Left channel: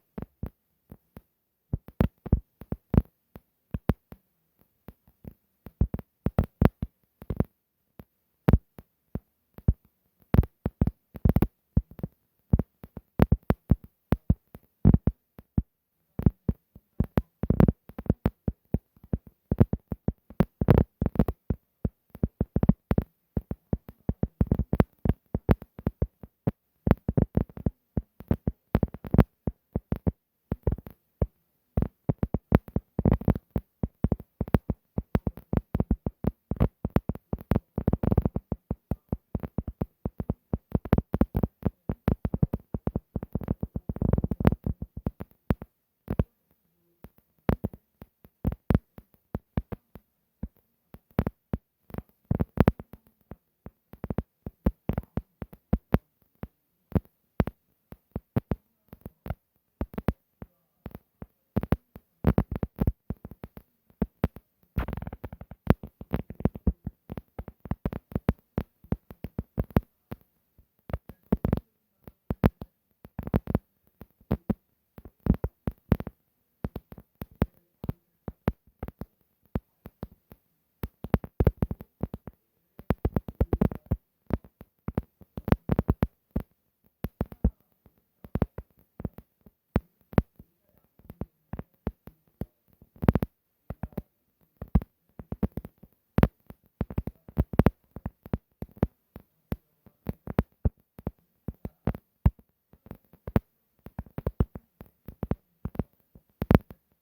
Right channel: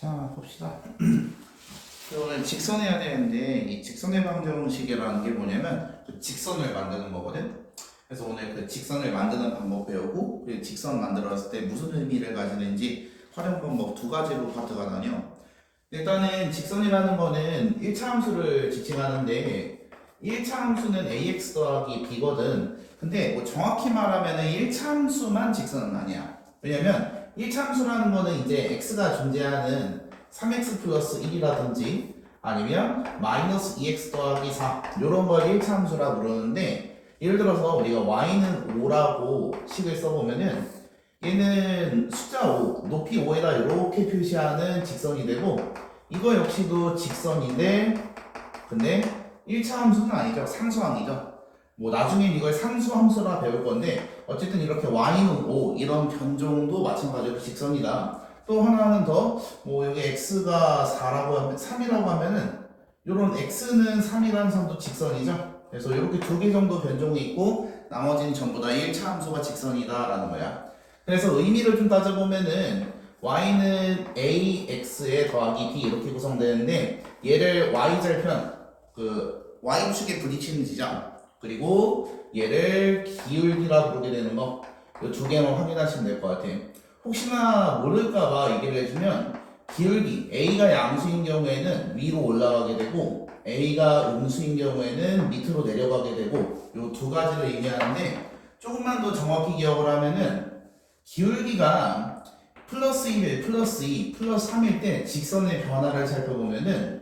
자, 봅시다. 오늘 직선해야 되는데 이 직선의 방정식이라는 게 뭐냐면 그 직선을 만드는 거거든. 그래서 오늘 그 직선을 만드는 방법 배우고 그 직선 만들었을 때 무슨 의미를 가지는지 활용 방법 두 가지로 파트가 나뉘어. 일단은 직선이라는 거는 1차 함수를 지칭하는데 1차 함수는 ax 더하기 b거든. 근데 뭐 정확히 말하면은 1차 함수만 직선은 아니야. 왜냐면 1차 함수라는 거는 이제 x가 존재하는 3x 플러스 1이라든지 아니면 마이너스 2x 더하기 4 이런 걸 1차 함수라고 부르는데, 예를 들어서 우리가 y는 5라고 식을 써보면은 얘는 숫자 5, 높이 5에다 이렇게 표시하는 직선이 되고, 이거 역시도 직선인데 근데 1차 함수는 아니죠. 상수항이죠. 뭐 나중엔 이걸 상수함수라 배울 건데 어쨌든 이렇게 y는 5 이런 변종도 마찬가지로 직선이다. 또 하나는 더 뭐 여기 x가 4라고 하면 3이라고 하면은 요런 x는 3이라는 선도 직선이죠. 그래서 이렇게 두 개 정도 변종이 있고 나머지는 전부 다 1차 함수가 직선이다라는 거야. 그래서 의미를 좀 따져보면은 y는 ax에 더하기 b 이렇게 구성되는데, 얘를 y절편 그 y축에 부딪히는 지점 그리고 얘를 기울기라고 부르게 되는 거, 이 두 개만 확인하시면 될 것 같아요. 혹시나 모를까봐 얘기를 해주면 기울기 a가 양수인 경우에는 위로 올라가게 되고 a가 음수인 경우에는 밑으로 내려가게 되고, 이 두 가지를 의미하는데 조금만 더 정확히 기억을 하면은 기울기가 플러스 1, 플러스 2, 플러스 3일 때 직선의 변화를 살펴보면은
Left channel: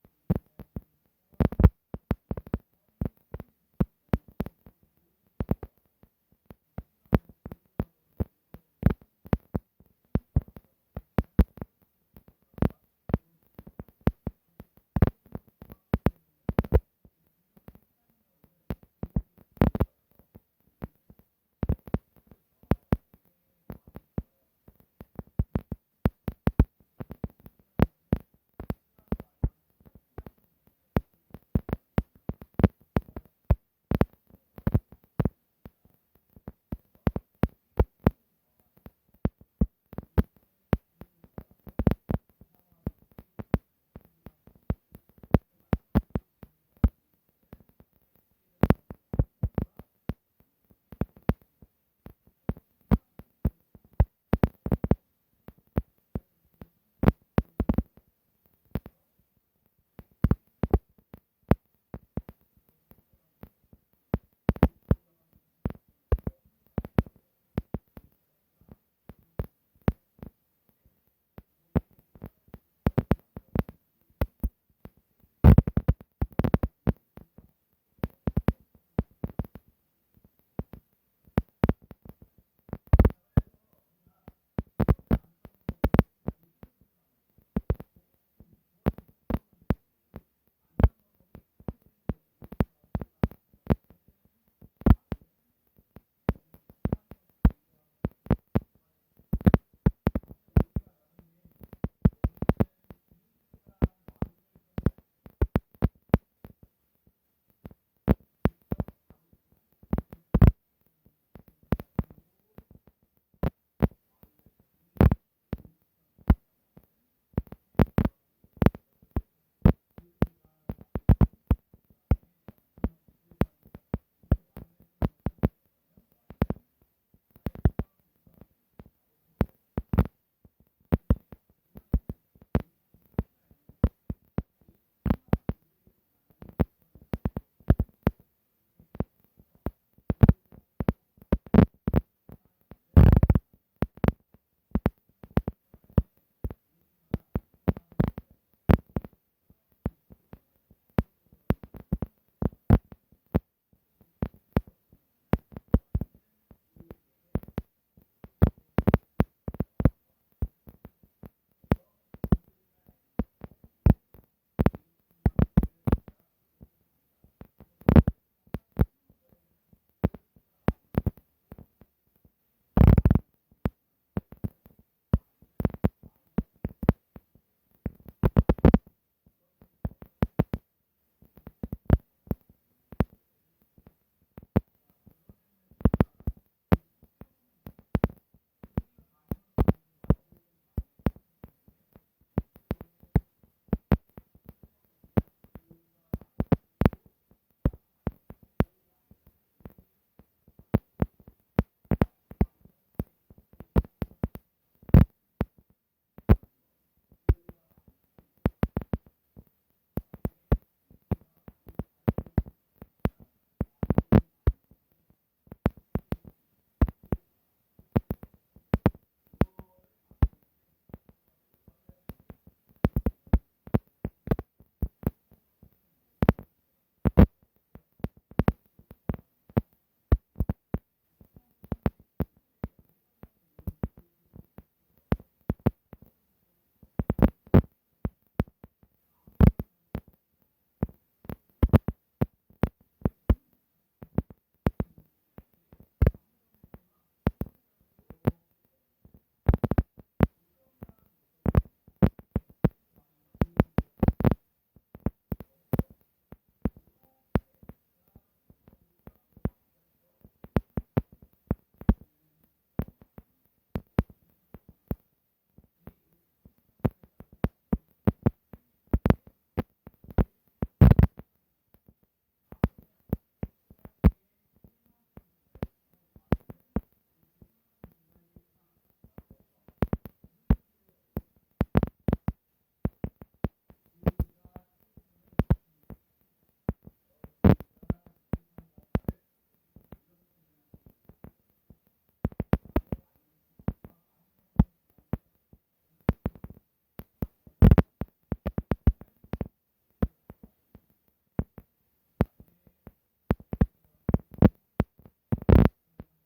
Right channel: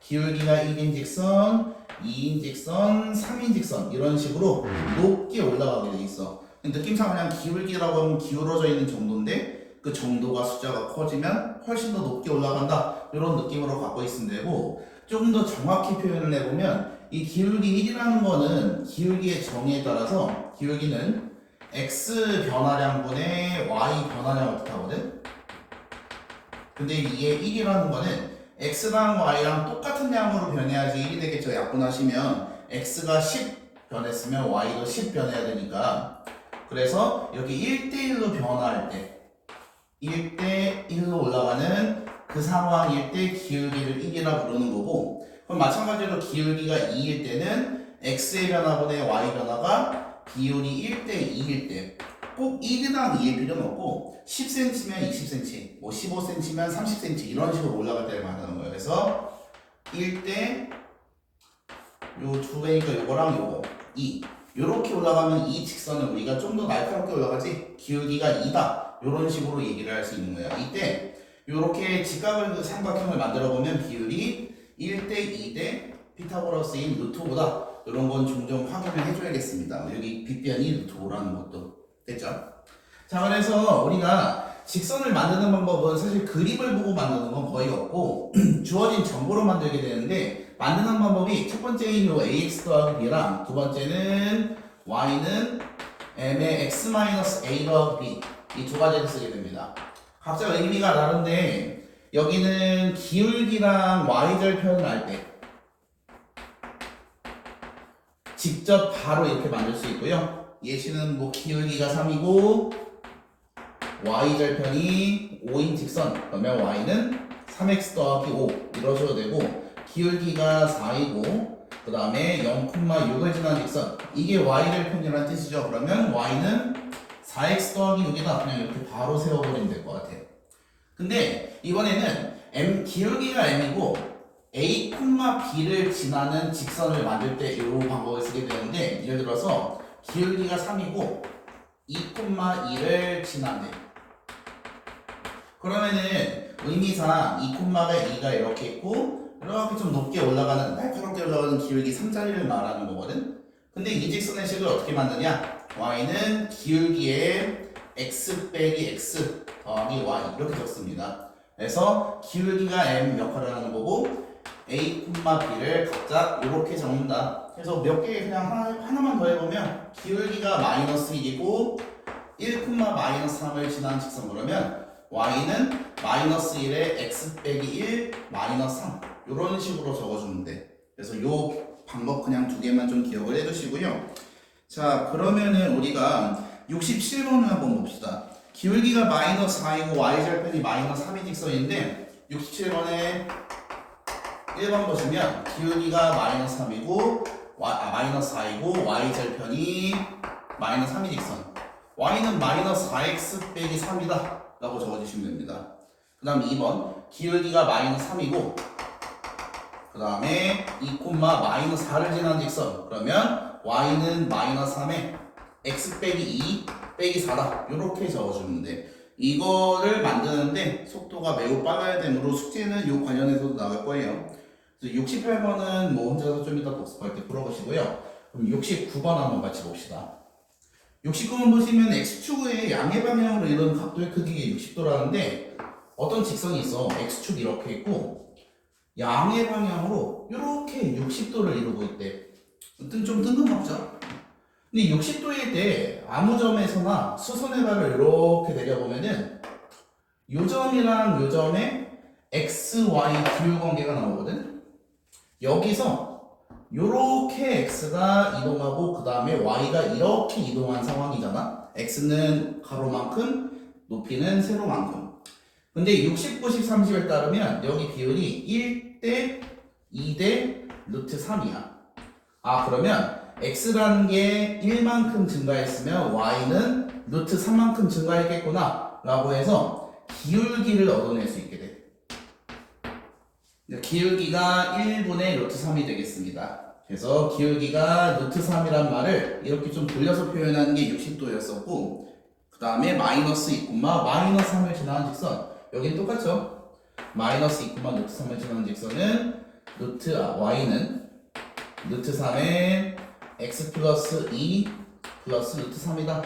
기울기가 1인 직선, 2인 직선, 3인 직선 이런 식으로 높게 올라가게 돼 있어. 느낌상 그냥 기울기라고 하면 기울어져 있는 정도인데 그 정도가 숫자가 커지면 훨씬 더 높게 올라간다 이런 느낌으로 갖고 있으면 되고, 조금 더 정확히 표현을 해보면 이 기울기 1이라는 거는 기울기의 정의에 따라서 기울기는 x 변화량분의 y 변화량을 뜻하거든. 근데 이게 1이라는 거는 x랑 y랑 똑같은 양으로 변해야지 1이 되겠죠. 약분하시면 x가 10 변했으면 y도 10 변해야 되니까. 그래서 여기 1대1로 변화할 때 1대1로 올라가는 그 상황일 때 기울기를 1이라 부르는 거고, 그럼 마찬가지로 기울기가 2일 때는 x의 변화분의 y 변화가 비율이 1대2일 때 꼭 1이랑 2일 필요는 없고 10cm면 20cm, 뭐 15cm면 30cm 이런 식으로 올라갈 때를 말하는 거예요. 그래서 1대 요 두 개니까 요거랑 요거 2 요렇게 올라가면 이 직선은 우리가 좀 더 날카롭게 올라가지 기울기가 2다 요런 식으로 얘기를 할 수 있는 거예요. 이때 요렇게 직각을 그 삼각형을 만들어 보면 비율이 1대 2대 피타고라스인 루트 5다 이런 건 종종 확인을 해줘야겠습니다. 여기 빗변이 루트 5라는 것도 됐죠? 자, 그래서 우리가 직선을 만드는 방법은 사실 그림을 보고 만드는 건 거의 없고 주어진 정보로 만들게 되는데, 만드는 방법이 첫 번째인 요 ax 더하기 b랑 두 번째는 y는 m의 x a 더하기 b 이 두 가지를 쓰게 됩니다. 각자 의미가 다른데 여기는 기울기랑 y절편을 할 때 직접 바로 이렇게 만들 수 있고요. 예시는 뭐 기울기가 3이고 y절편이 5인 직선 그러면 y는 3x 더하기 5 이러셔도 되고, 기울기가 4이고 그 다음에 0,6을 지난 직선 이게 y절편이라는 뜻이죠. 그러면 y는 4x 더하기 6이다 그냥 이렇게 바로 세워버리면 될 것 같아요. 근데 이번에는 기울기가 m이고 a, b를 지나는 직선을 만들 때 이 방법을 쓰게 되는데, 예를 들어서 기울기가 3이고 2,2를 지난대. 그러면은 의미상 2,2가 이렇게 있고 이렇게 좀 높게 올라가는 날카롭게 올라가는 기울기 3자리를 말하는 거거든. 근데 이 직선의 식을 어떻게 만드냐? y는 기울기에 x 빼기 x 더하기 y 이렇게 적습니다. 그래서 기울기가 m 역할을 하는 거고 a, b를 각자 이렇게 적는다. 그래서 몇 개 그냥 하나만 더 해보면 기울기가 마이너스 1이고 1,-3을 지난 직선 그러면 y는 마이너스 1에 x 빼기 1 마이너스 3 이런 식으로 적어주면 돼. 그래서 요 방법 그냥 두 개만 좀 기억을 해두시고요. 자, 그러면은 우리가 67번을 한번 봅시다. 기울기가 마이너스 4이고 y절편이 마이너스 3의 직선인데 67번에 1번 보시면 기울기가 마이너스 3이고 마이너스 4이고 y절편이 마이너스 3의 직선 y는 마이너스 4x 빼기 3이다 라고 적어주시면 됩니다. 그 다음 2번 기울기가 마이너스 3이고 그 다음에 2, 마이너스 4를 지나는 직선 그러면 y는 마이너스 3에 x 빼기 2 빼기 4다 이렇게 적어주면 돼. 이거를 만드는데 속도가 매우 빨라야 되므로 숙제는 이 관련해서도 나갈 거예요. 68번은 뭐 혼자서 좀 이따 복습할 때 풀어보시고요. 그럼 69번 한번 같이 봅시다. 69번 보시면 x축의 양의 방향으로 이런 각도의 크기가 60도라는데 어떤 직선이 있어. x축 이렇게 있고 양의 방향으로 이렇게 60도를 이루고 있대. 좀 뜬금없죠? 근데 60도일 때 아무 점에서나 수선의 발을 이렇게 내려보면은 요 점이랑 요 점에 x, y 기울관계가 나오거든. 여기서 요렇게 x가 이동하고 그 다음에 y가 이렇게 이동한 상황이잖아. x는 가로만큼 높이는 세로만큼. 근데 60, 90, 30에 따르면 여기 비율이 1대 2대 루트 3이야. 아 그러면 x라는 게 1만큼 증가했으면 y는 루트 3만큼 증가했겠구나 라고 해서 기울기를 얻어낼 수 있게 돼. 기울기가 1분의 루트 3이 되겠습니다. 그래서 기울기가 루트 3이란 말을 이렇게 좀 돌려서 표현하는 게 60도였었고 그 다음에 마이너스 2, 마이너스 3을 지나는 직선 여긴 똑같죠? 마이너스 2, 루트 3을 지나는 직선은 y는 루트 3에 x 플러스 2 플러스 루트 3이다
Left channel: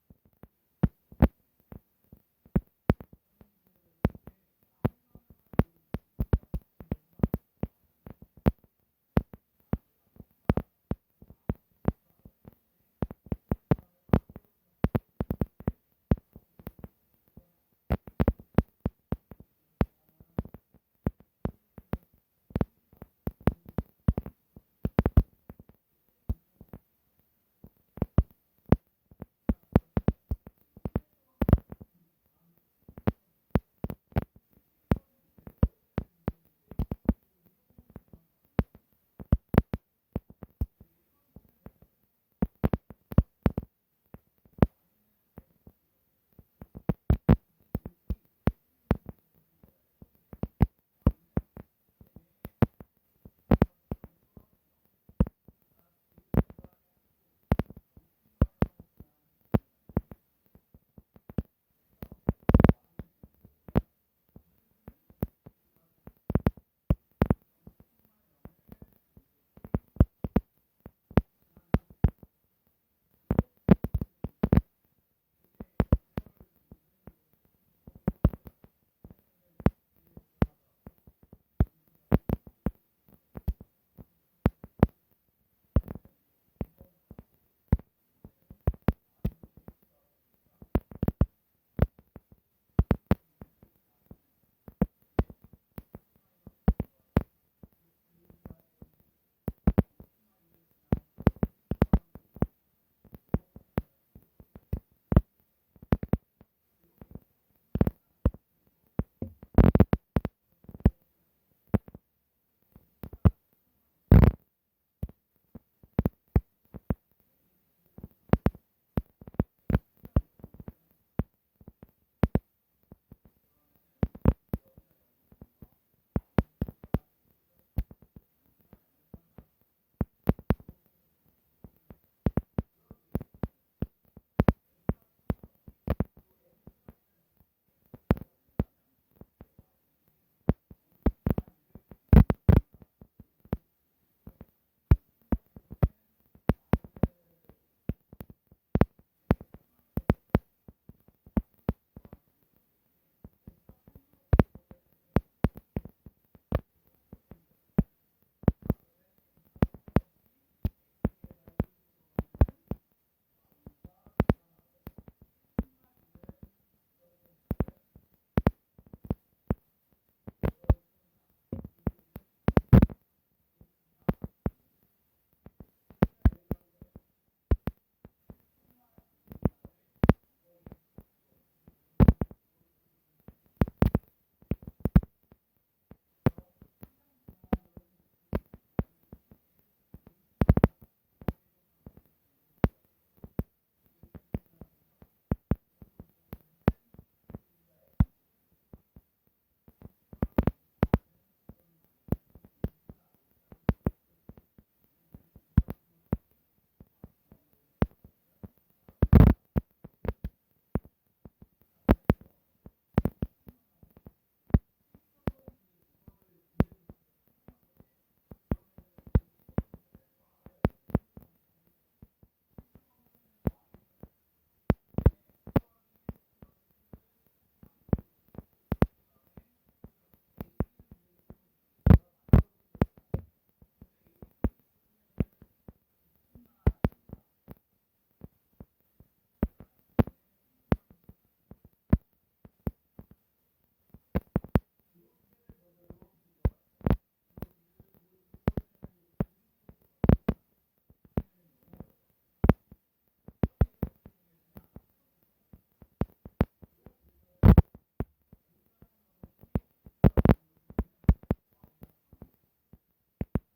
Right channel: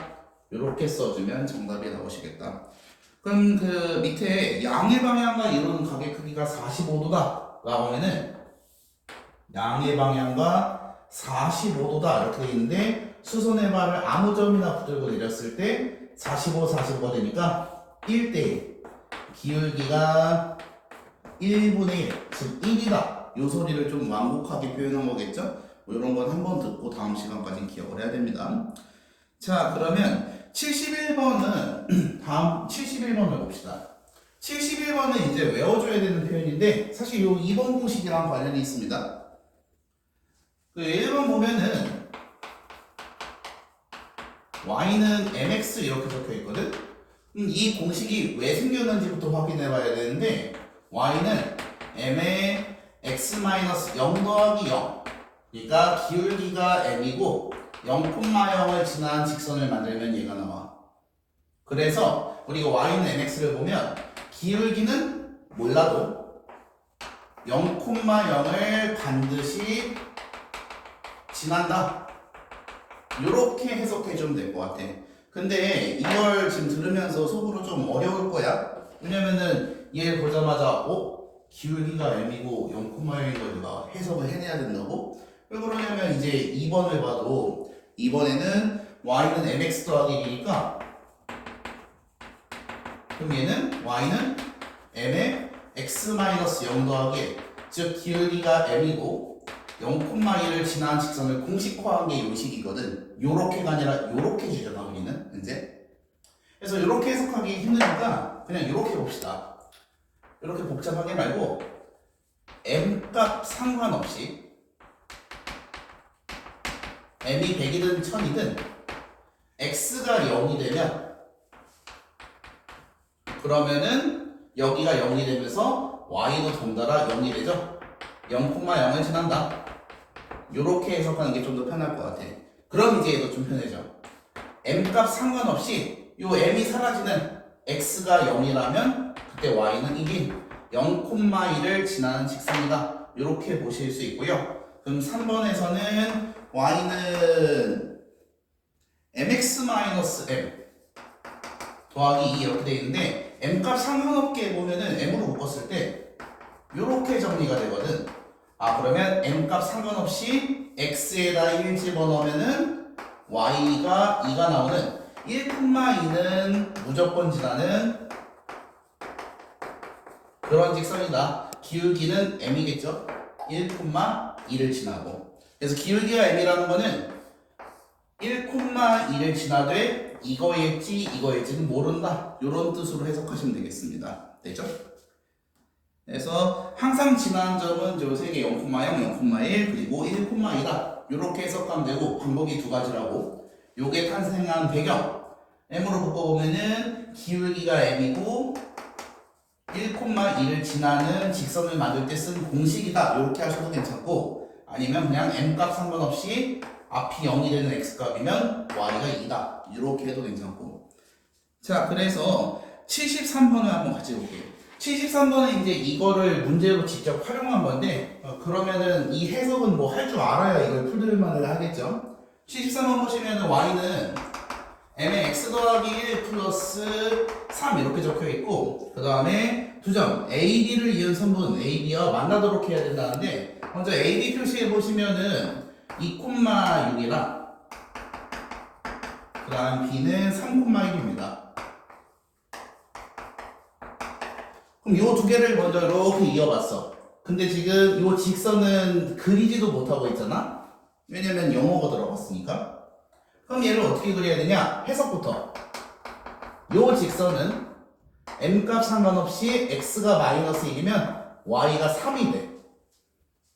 이렇게 써주면 정답이 나오시겠다. 그럼 그 밑에 양의 방향과 이루는 각의 크기가 45도다 라고 하면은 양의 방향과 45도다 이렇게 돼 있는데 수선의 발을 아무 점이나 붙들고 내렸을 때 45, 45가 되니까 1대1 기울기가 1분의 1, 즉 1이다 이 소리를 좀 완곡하게 표현한 거겠죠? 뭐 이런 건 한번 듣고 다음 시간까지 기억을 해야 됩니다. 자 그러면 71번은 다음 71번을 봅시다. 71번은 이제 외워줘야 되는 표현인데 사실 요 2번 공식이랑 관련이 있습니다. 그 1번 보면은 y는 mx 이렇게 적혀 있거든. 이 공식이 왜 생겼는지부터 확인해 봐야 되는데 y는 m의 x-0 더하기 0 그러니까 기울기가 m이고 0,0을 지난 직선을 만들면 얘가 나와. 그래서 그리고 y는 mx를 보면 기울기는 몰라도 0,0을 반드시 지난다. 이렇게 해석해 주면 될 것 같아. 근데 이걸 지금 들으면서 속으로 좀 어려울 거야. 왜냐면은 얘 보자마자 기울기가 m이고 0,0인 걸 내가 해석을 해내야 된다고? 왜 그러냐면 이제 2번을 봐도 2번에는 y는 mx 더하기 1이니까 그럼 얘는 y는 m의 x-0 더하기 1 즉 기울기가 m이고 0,1을 지난 직선을 공식화한 게 요식이거든. 요렇게가 아니라 요렇게 주잖아 우리는 이제. 그래서 요렇게 해석하기 힘드니까 그냥 요렇게 봅시다. 요렇게 복잡하게 말고 m값 상관없이 m이 100이든 1000이든 x가 0이 되면 그러면은 여기가 0이 되면서 y도 덩달아 0이 되죠. 0,0을 지난다. 요렇게 해석하는 게 좀 더 편할 것 같아. 그럼 이제 얘도 좀 편해져. m값 상관없이 요 m이 사라지는 x가 0이라면 그때 y는 이게 0,1을 지나는 직선이다. 요렇게 보실 수 있고요. 그럼 3번에서는 y는 mx-m 더하기 2 이렇게 돼 있는데 m값 상관없게 보면은 m으로 묶었을 때 요렇게 정리가 되거든. 아 그러면 m값 상관없이 x에다 1 집어넣으면은 y가 2가 나오는 1,2는 무조건 지나는 그런 직선이다. 기울기는 m이겠죠. 1,2를 지나고. 그래서 기울기가 m이라는 거는 1,2를 지나되 이거일지 이거일지는 모른다 이런 뜻으로 해석하시면 되겠습니다. 되죠? 그래서 항상 지나는 점은 요 세 개 0,0, 0,1 그리고 1,2다 이렇게 해석하면 되고 방법이 두 가지라고. 요게 탄생한 배경 m으로 묶어보면은 기울기가 m이고 1,2를 지나는 직선을 만들 때 쓴 공식이다 이렇게 하셔도 괜찮고, 아니면 그냥 m값 상관없이 앞이 0이 되는 x값이면 y가 2다 이렇게 해도 괜찮고. 자, 그래서 73번을 한번 같이 볼게요. 73번은 이제 이거를 문제로 직접 활용한 건데 그러면은 이 해석은 뭐 할 줄 알아야 이걸 풀들만을 하겠죠. 73번 보시면은 y는 m의 x 더하기 1 플러스 3 이렇게 적혀 있고, 그 다음에 두 점 AB를 이은 선분 AB와 만나도록 해야 된다는데, 먼저 AB 표시해 보시면은 2,6이랑 그 다음 B는 3,1입니다. 그럼 요 두 개를 먼저 이렇게 이어봤어. 근데 지금 요 직선은 그리지도 못하고 있잖아. 왜냐면 영어가 들어갔으니까. 그럼 얘를 어떻게 그려야 되냐? 해석부터. 요 직선은 m값 상관없이 x가 마이너스 1이면 y가 3이 돼.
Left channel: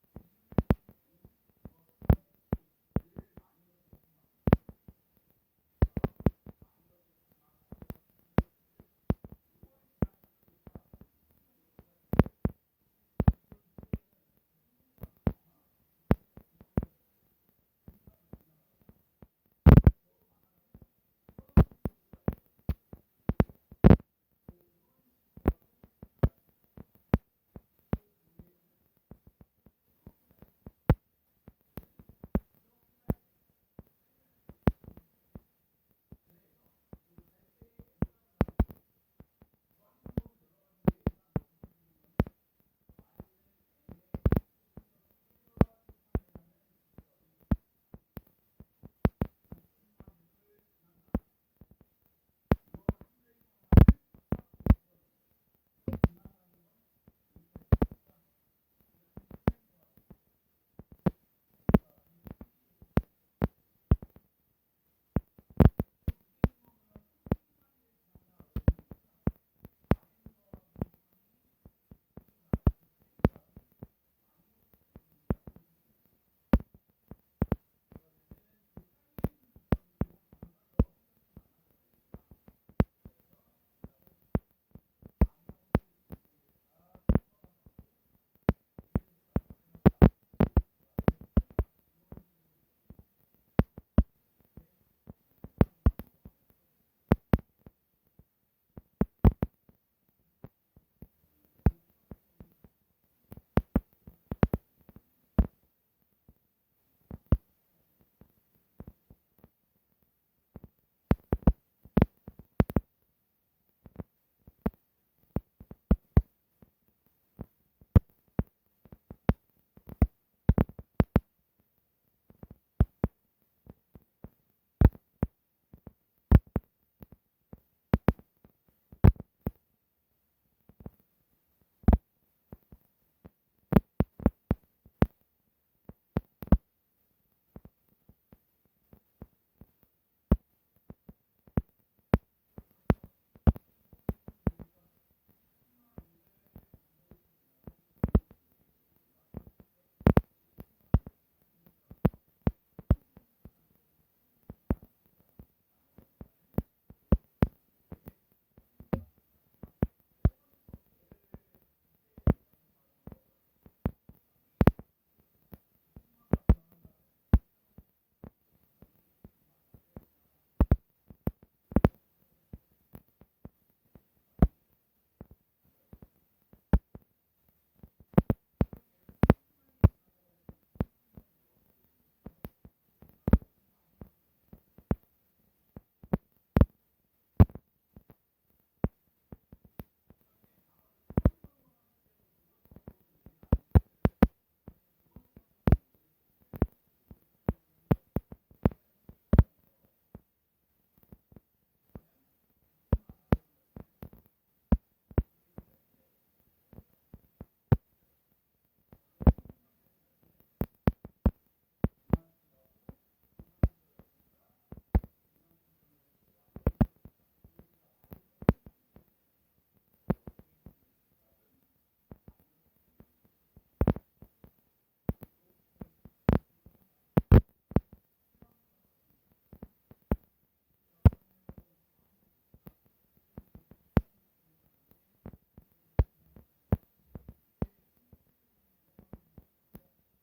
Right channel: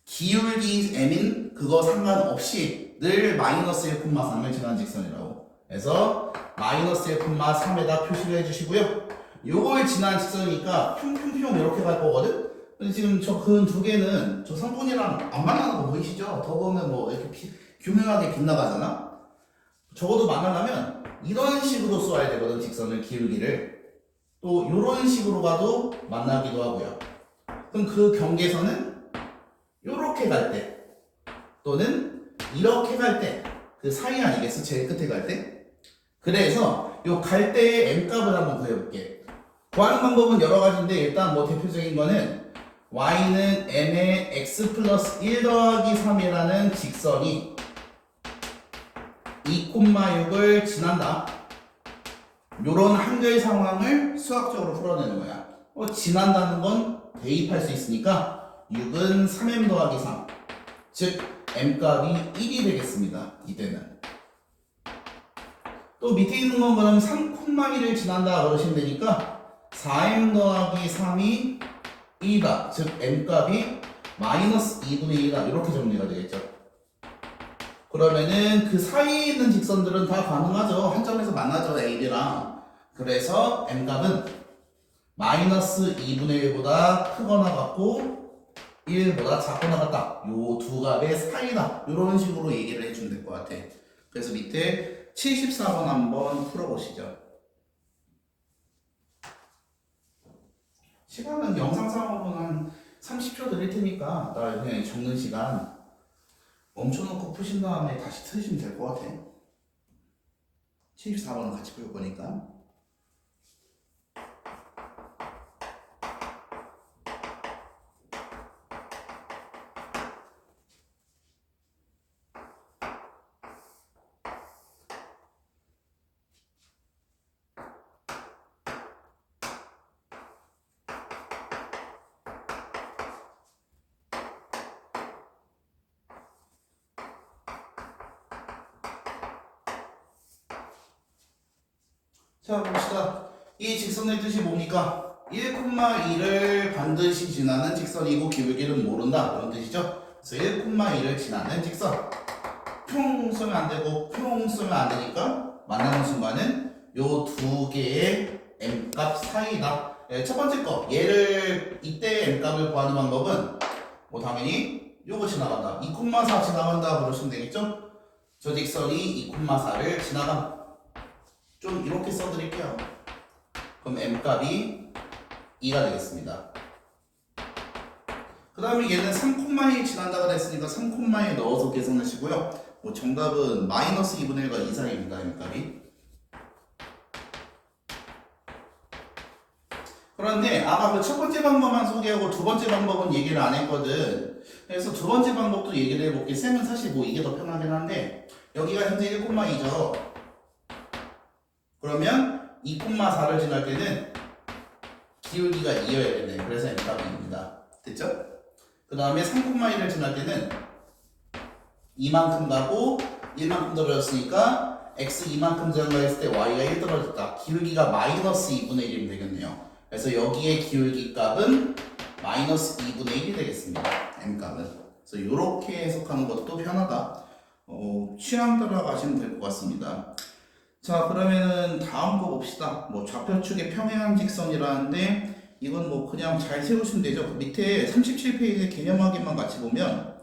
기울기 m인 그거 상관없이 늘 마이너스 1,3을 지나는 직선이라고. 그래서 마이너스 1,3에다 표시를 해주시고요. 요걸 지나는 직선이니까 평평평 이렇게 갈 거거든? 근데 지금 저 근 두 개는 저 성분이랑 안 만나는 거 보이시죠? 더 보면 뭐 이렇게 교묘하게 빗나가잖아? 적어도 만나려면 이런 식으로 쏘아야 되거든, 직선을, 기울기를. 또 이런 식으로 가도 만나기도 하고요. 그럼 그 경계선은 이렇게 갈 때 또는 이렇게 갈 때 그 사이 아니겠어? 제일 끝에 갈 때. 그래서 요 갈 때의 m값을 한번 구해볼게. 구하는 방법은 여러 가지인데 일단 뭐 대표적인 거는 y는 m의 x 플러스 1 더하기 3이라는 직선이 2,6을 지난다. 요런 한글 상황을 수학적으로 풀어내는 거야. 지난다는 건 대입할 수 있으니까 6은 3m 더하기 3. 즉 m값이 1이 되겠습니다. 이때는. 또 밑에 있는 건 그럼 3,1을 지난다 그러시면 되니까 4m 더하기 3이 2다. 즉 m값이 마이너스 2분의 1이다. 이렇게 정리가 되겠죠. 그러면은 그 사이에 있는 직선들은 다 가능하죠. 한 점에서 만나죠, AB랑. 그래서 m값은 마이너스 2분의 1보다 크거나 같고 1보다 작거나 같다. 요 두 값의 사이다. 이런 식으로 얘기를 해주면 될 것 같아. 그래서 밑에 74번 한번 풀어보시죠. 시간은 영상상으로는 한 30초 드릴 테니까 나 그냥 적는 시간 멈춰놓고 푸신 다음에 다시 틀으시면 될 것 같아. 74번은 같이 풀 거니까. 자, 봅시다. 이 직선의 뜻이 뭡니까? 1,2를 반드시 지나는 직선이고 기울기는 모른다 그런 뜻이죠. 그래서 1,2를 지나는 직선. 평 쓰면 안 되고 평 쓰면 안 되니까 만나는 순간은 요 두 개의 m값 사이다. 첫 번째 거, 얘를 이때 m값을 구하는 방법은 뭐 당연히 요거 지나간다. 2,4 지나간다 그러시면 되겠죠? 저 직선이 2,4를 지나간다. 좀 이렇게 써드릴게요. 그럼 m값이 2가 되겠습니다. 그 다음에 얘는 3,1 지난다고 했으니까 3,1 넣어서 계산하시고요. 뭐 정답은 마이너스 2분의 1과 2 사이입니다. m값이. 그런데 아까 그 첫 번째 방법만 소개하고 두 번째 방법은 얘기를 안 했거든. 그래서 두 번째 방법도 얘기를 해볼게. 쌤은 사실 뭐 이게 더 편하긴 한데 여기가 현재 1,2죠. 그러면 2,4를 지날 때는 기울기가 2여야겠네. 그래서 m값이 2입니다. 됐죠? 그 다음에 3,1을 지날 때는 이만큼 가고 1만큼 떨어졌으니까 x 이만큼 증가했을 때 y가 1 떨어졌다. 기울기가 마이너스 2분의 1이면 되겠네요. 그래서 여기에 기울기 값은 마이너스 2분의 1이 되겠습니다. m 값은. 그래서 이렇게 해석하는 것도 편하다. 취향 따라 가시면 될 것 같습니다. 자, 그러면은 다음 거 봅시다. 뭐 좌표축의 평행한 직선이라는데 이건 뭐 그냥 잘 세우시면 되죠. 그 밑에 37페이지 개념 확인만 같이 보면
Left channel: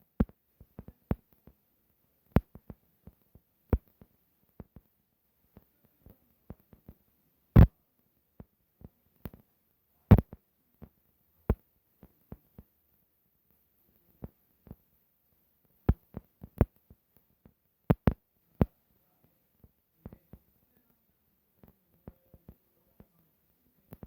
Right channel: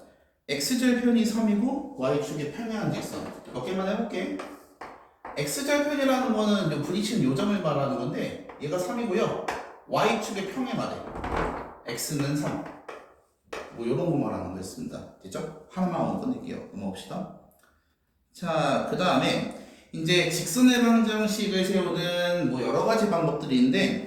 x절편이 3이고 y축의 평행한 직선 몇 개만 해볼게. x절편이라는 거는 부딪히는 요점을 말하는 건데 얘가 3이고요. y축의 평행하래. x는 3. 뭐 이런 거 말하는 거였습니다. 됐죠? 하나만 끝낼게요. 넘어갑시다. 자, 그 다음에 이제 직선의 방정식을 세우는 뭐 여러 가지 방법들이 있는데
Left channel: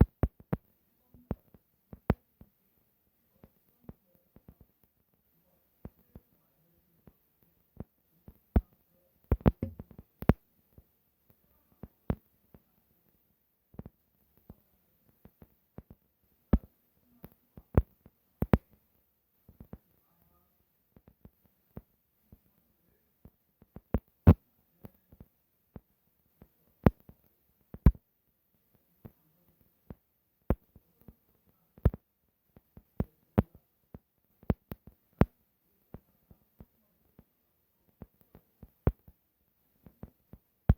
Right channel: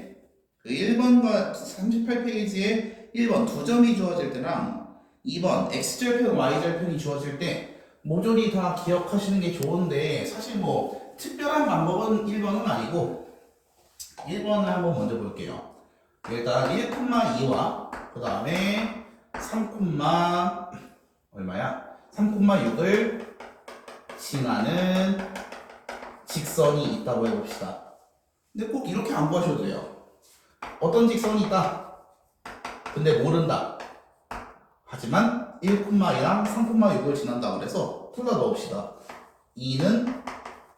그 1번과 38페이지에 1번 두 점이 주어질 때랑 2번 x절편, y절편이 주어질 때 모조리 다 기억하시는 게 좋은데 사실 뭐 특별한 방법은 1번은 아니고 1번을 한번 먼저 볼게요. 일단 1,2와 그 다음에 3, 얼마야? 3,6을 지나는 직선이 있다고 해봅시다. 근데 꼭 이렇게 안 구하셔도 돼요. 어떤 직선이 있다. 근데 모른다. 하지만 1,2랑 3,6을 지난다 그래서 둘 다 넣읍시다. 2는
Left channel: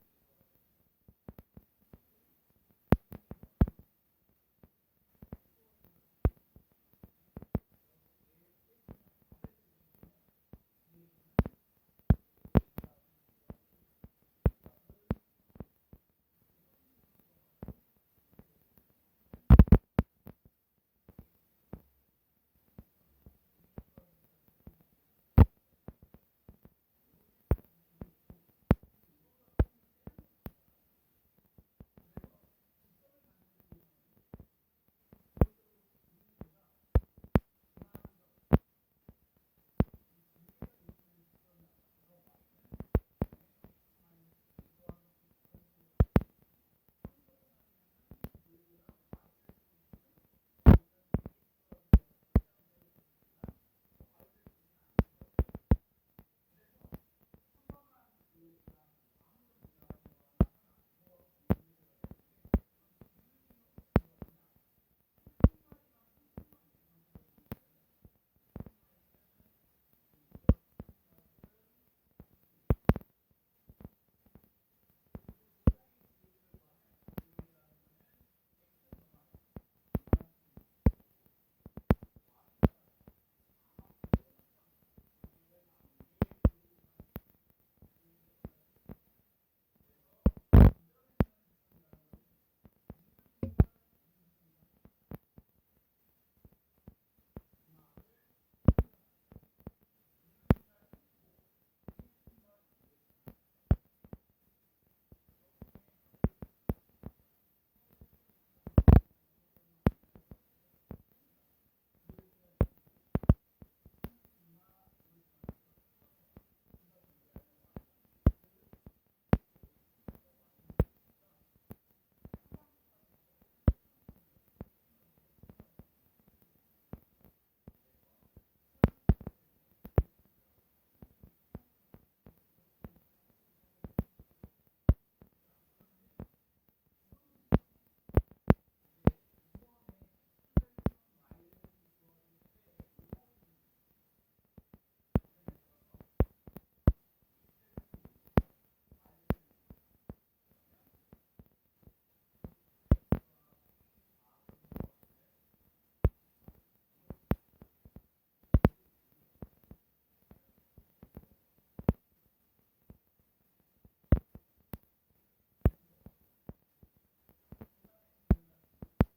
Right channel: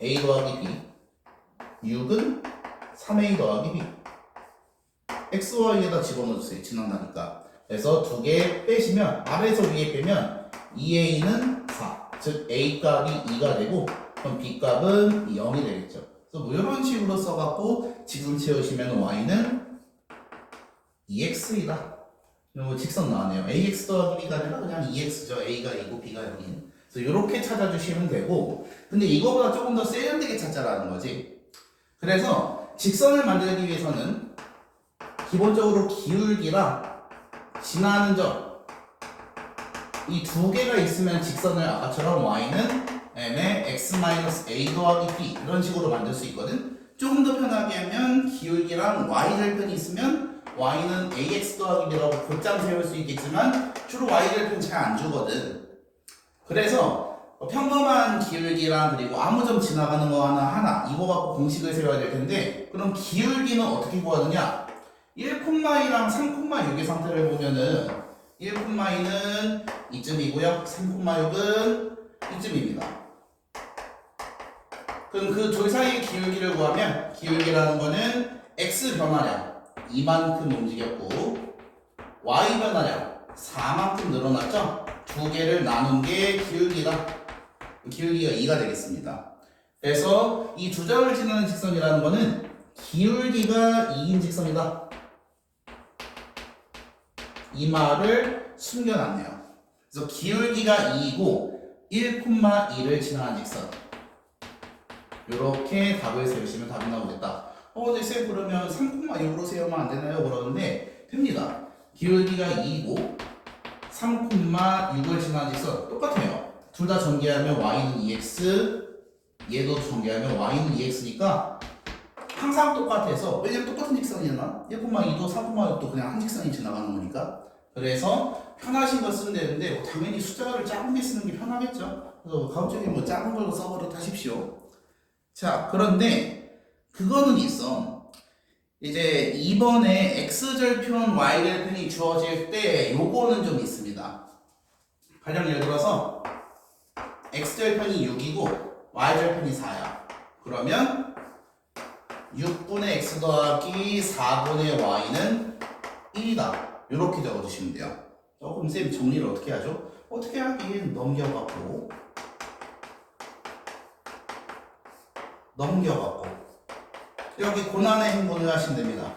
a 더하기 b, 6은 3a 더하기 b. x와 y에다 집어넣어주세요. 지난다니까. 그래서 두 개 빼시면 아래에서 위에 빼면 2a는 4. 즉 a 값이 2가 되고 그럼 b 값은 0이 되겠죠. 그래서 뭐 이런 식으로 써갖고 직선 채우시면 y는 2x이다. 뭐 직선 나왔네요. ax 더하기 b가 아니라 그냥 2x죠. a가 2고 b가 0인. 그래서 이렇게 찾아주시면 되고 근데 이거보다 조금 더 세련되게 찾자라는 거지. 그래서 직선을 만들기 위해서는 기본적으로 기울기랑 지나는 점 이 두 개가 있으면 직선을 아까처럼 y는 m의 x-a 더하기 b 이런 식으로 만들 수 있거든. 조금 더 편하게 하면 기울기랑 y절편이 있으면 y는 ax 더하기 b라고 곧장 세울 수 있겠지만 주로 y절편 잘 안 주거든. 그래서 평범한 기울기랑 그리고 아무 점 지나가는 거 하나 이거 갖고 공식을 세워야 될 텐데 그럼 기울기는 어떻게 구하느냐? 1,2랑 3,6의 상태를 보면은 1,2는 이쯤이고요. 3,6은 이쯤입니다. 그럼 그 둘 사이의 기울기를 구하면 기울기라는 거는 x 변화량 2만큼 움직였고 y 변화량 4만큼 늘어났죠? 두 개를 나눈 게 기울기다. 기울기가 2가 되겠습니다. 그래서 이 두 점을 지나는 직선이라는 거는 기울기가 2인 직선이다. 이 말을 숨겨놨네요. 그래서 기울기가 2이고 1,2를 지나는 직선. 이렇게 답을 세우시면 답이 나오겠다. 근데 쌤 그러면 3,6으로 세우면 안 되나요? 그러는데 됩니다. 기울기가 2이고 3,6을 지나는 직선 똑같아요. 둘 다 전개하면 y는 2x, 얘도 전개하면 y는 2x니까 항상 똑같아서 왜냐면 똑같은 직선이잖아. 1,2도 3,6도 그냥 한 직선이 지나가는 거니까. 그래서 편하신 거 쓰면 되는데 뭐 당연히 숫자를 작은 게 쓰는 게 편하겠죠. 그래서 가급적이 뭐 작은 걸로 써버려 하십시오. 자, 그런데 그거는 있어. 이제 이번에 x절편, y절편이 주어질 때 요거는 좀 있습니다. 가령 예를 들어서 x절편이 6이고 y절편이 4야. 그러면 6분의 x 더하기 4분의 y는 1이다. 이렇게 적어주시면 돼요. 조금 쌤 정리를 어떻게 하죠? 어떻게 하긴 넘겨갖고 여기 고난의 행분을 하시면 됩니다.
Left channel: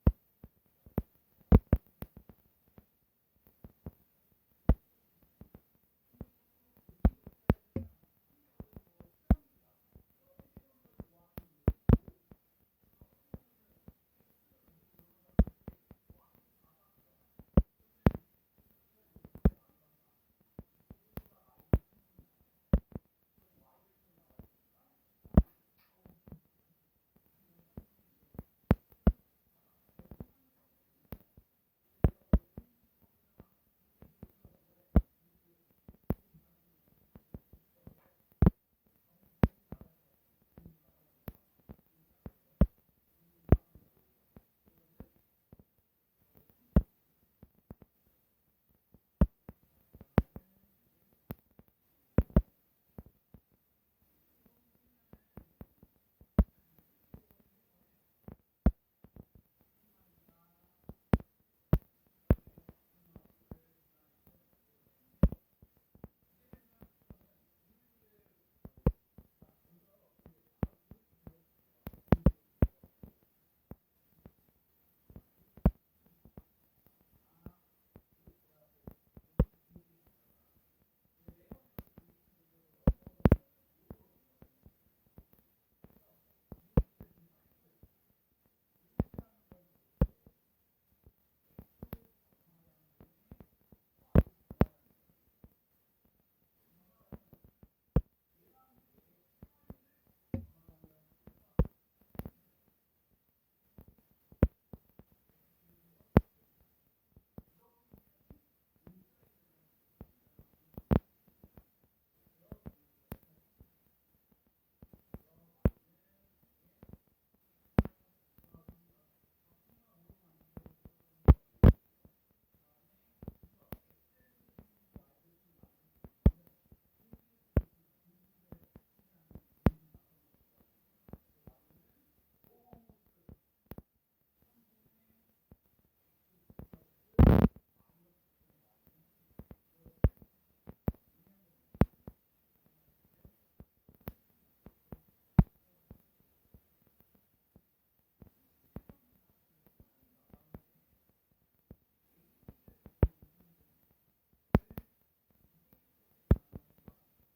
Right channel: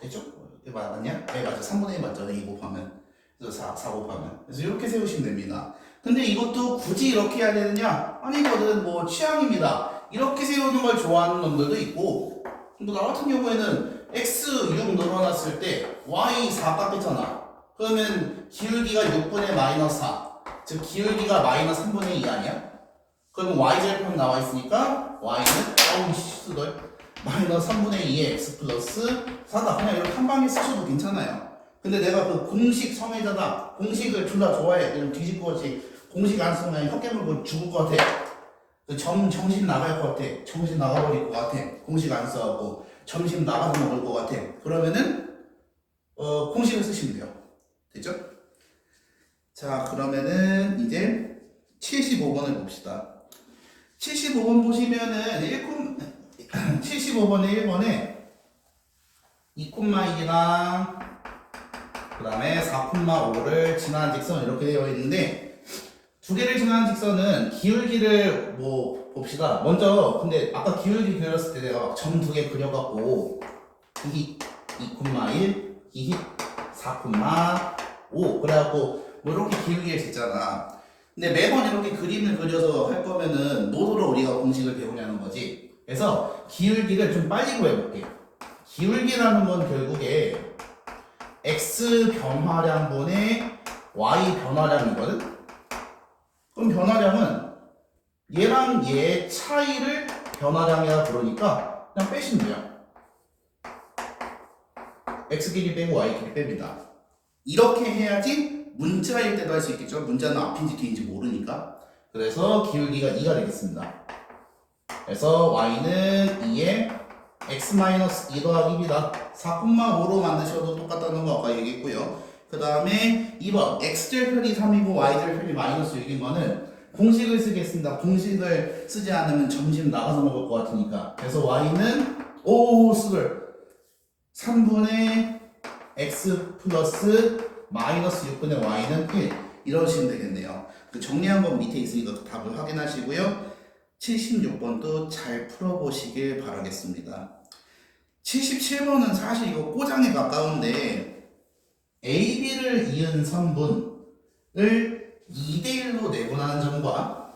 됐죠? 이게 맞냐? 네 맞아. 3분의 1 맞죠? 2 곱하면 그래서 4 곱하면 그래서 이렇게 세우시면 됩니다. 근데 이것도 굳이 이렇게 해야 되느냐? 아니거든. 뭐 취향입니다. 이렇게 세우는 걸 좋아하는 놈들도 있고 뭐 나 같은 경우에는 x 6 늘어났을 때 y 4 깎였잖아. 그러면 기울기가 6분의 마이너스 4 즉 기울기가 마이너스 3분의 2 아니야? 그러면 y절편 나와 있으니까 y는 마이너스 3분의 2의 x 플러스 4다. 그냥 이렇게 한 방에 쓰셔도 괜찮아요. 근데 내가 그 공식 성애자다 공식을 둘 다 좋아해. 그냥 뒤집어지 공식 안 쓰면 혀 깨물고 죽을 것 같아. 정신 나갈 것 같아. 정신 나가버릴 것 같아. 공식 안 써갖고 점심 나가서 먹을 것 같아. 그러면은 공식을 쓰시면 돼요. 됐죠? 자, 그러면은 이제 75번을 봅시다. 75번 보시면은 75번에 1번에 2,1이랑 그 다음에 4,5를 지나는 직선 이렇게 되어 있는데 두 개를 지나는 직선은 기울기를 뭐 봅시다. 먼저 근데 아까 기울기 그렸을 때 내가 점 두 개 그려갖고 이 2,1, 이 4,5 그래갖고 뭐 이렇게 기울기를 쟀잖아. 근데 매번 이렇게 그림을 그려서 할 거면은 뭐로 우리가 공식을 배우냐는 거지. 그래서 기울기를 좀 빨리 구해볼게. 기울기라는 건 결국에 x 변화량분의 y 변화량이거든. 그럼 변화량은 얘랑 얘의 차이를 변화량이라 부르니까 그냥 빼시면 돼요. x끼리 빼고 y끼리 뺍니다. 이렇게 해야지 문자일 때도 할 수 있겠죠. 문자는 앞인지 뒤인지 모르니까. 그래서 기울기가 2가 되겠습니다. 그래서 y는 2에 x-2 더하기 2다. 4,5로 만드셔도 똑같다는 거 아까 얘기했고요. 그 다음에 2번 x절편이 3이고 y절편이 마이너스 6인 거는 공식을 쓰겠습니다. 공식을 쓰지 않으면 점심 나가서 먹을 것 같으니까. 그래서 y는 3분의 x 플러스 마이너스 6분의 y는 1 이러시면 되겠네요. 그 정리한 건 밑에 있으니까 그 답을 확인하시고요. 76번도 잘 풀어보시길 바라겠습니다. 77번은 사실 이거 꼬장에 가까운데 AB를 이은 선분을 2대1로 내분하는 점과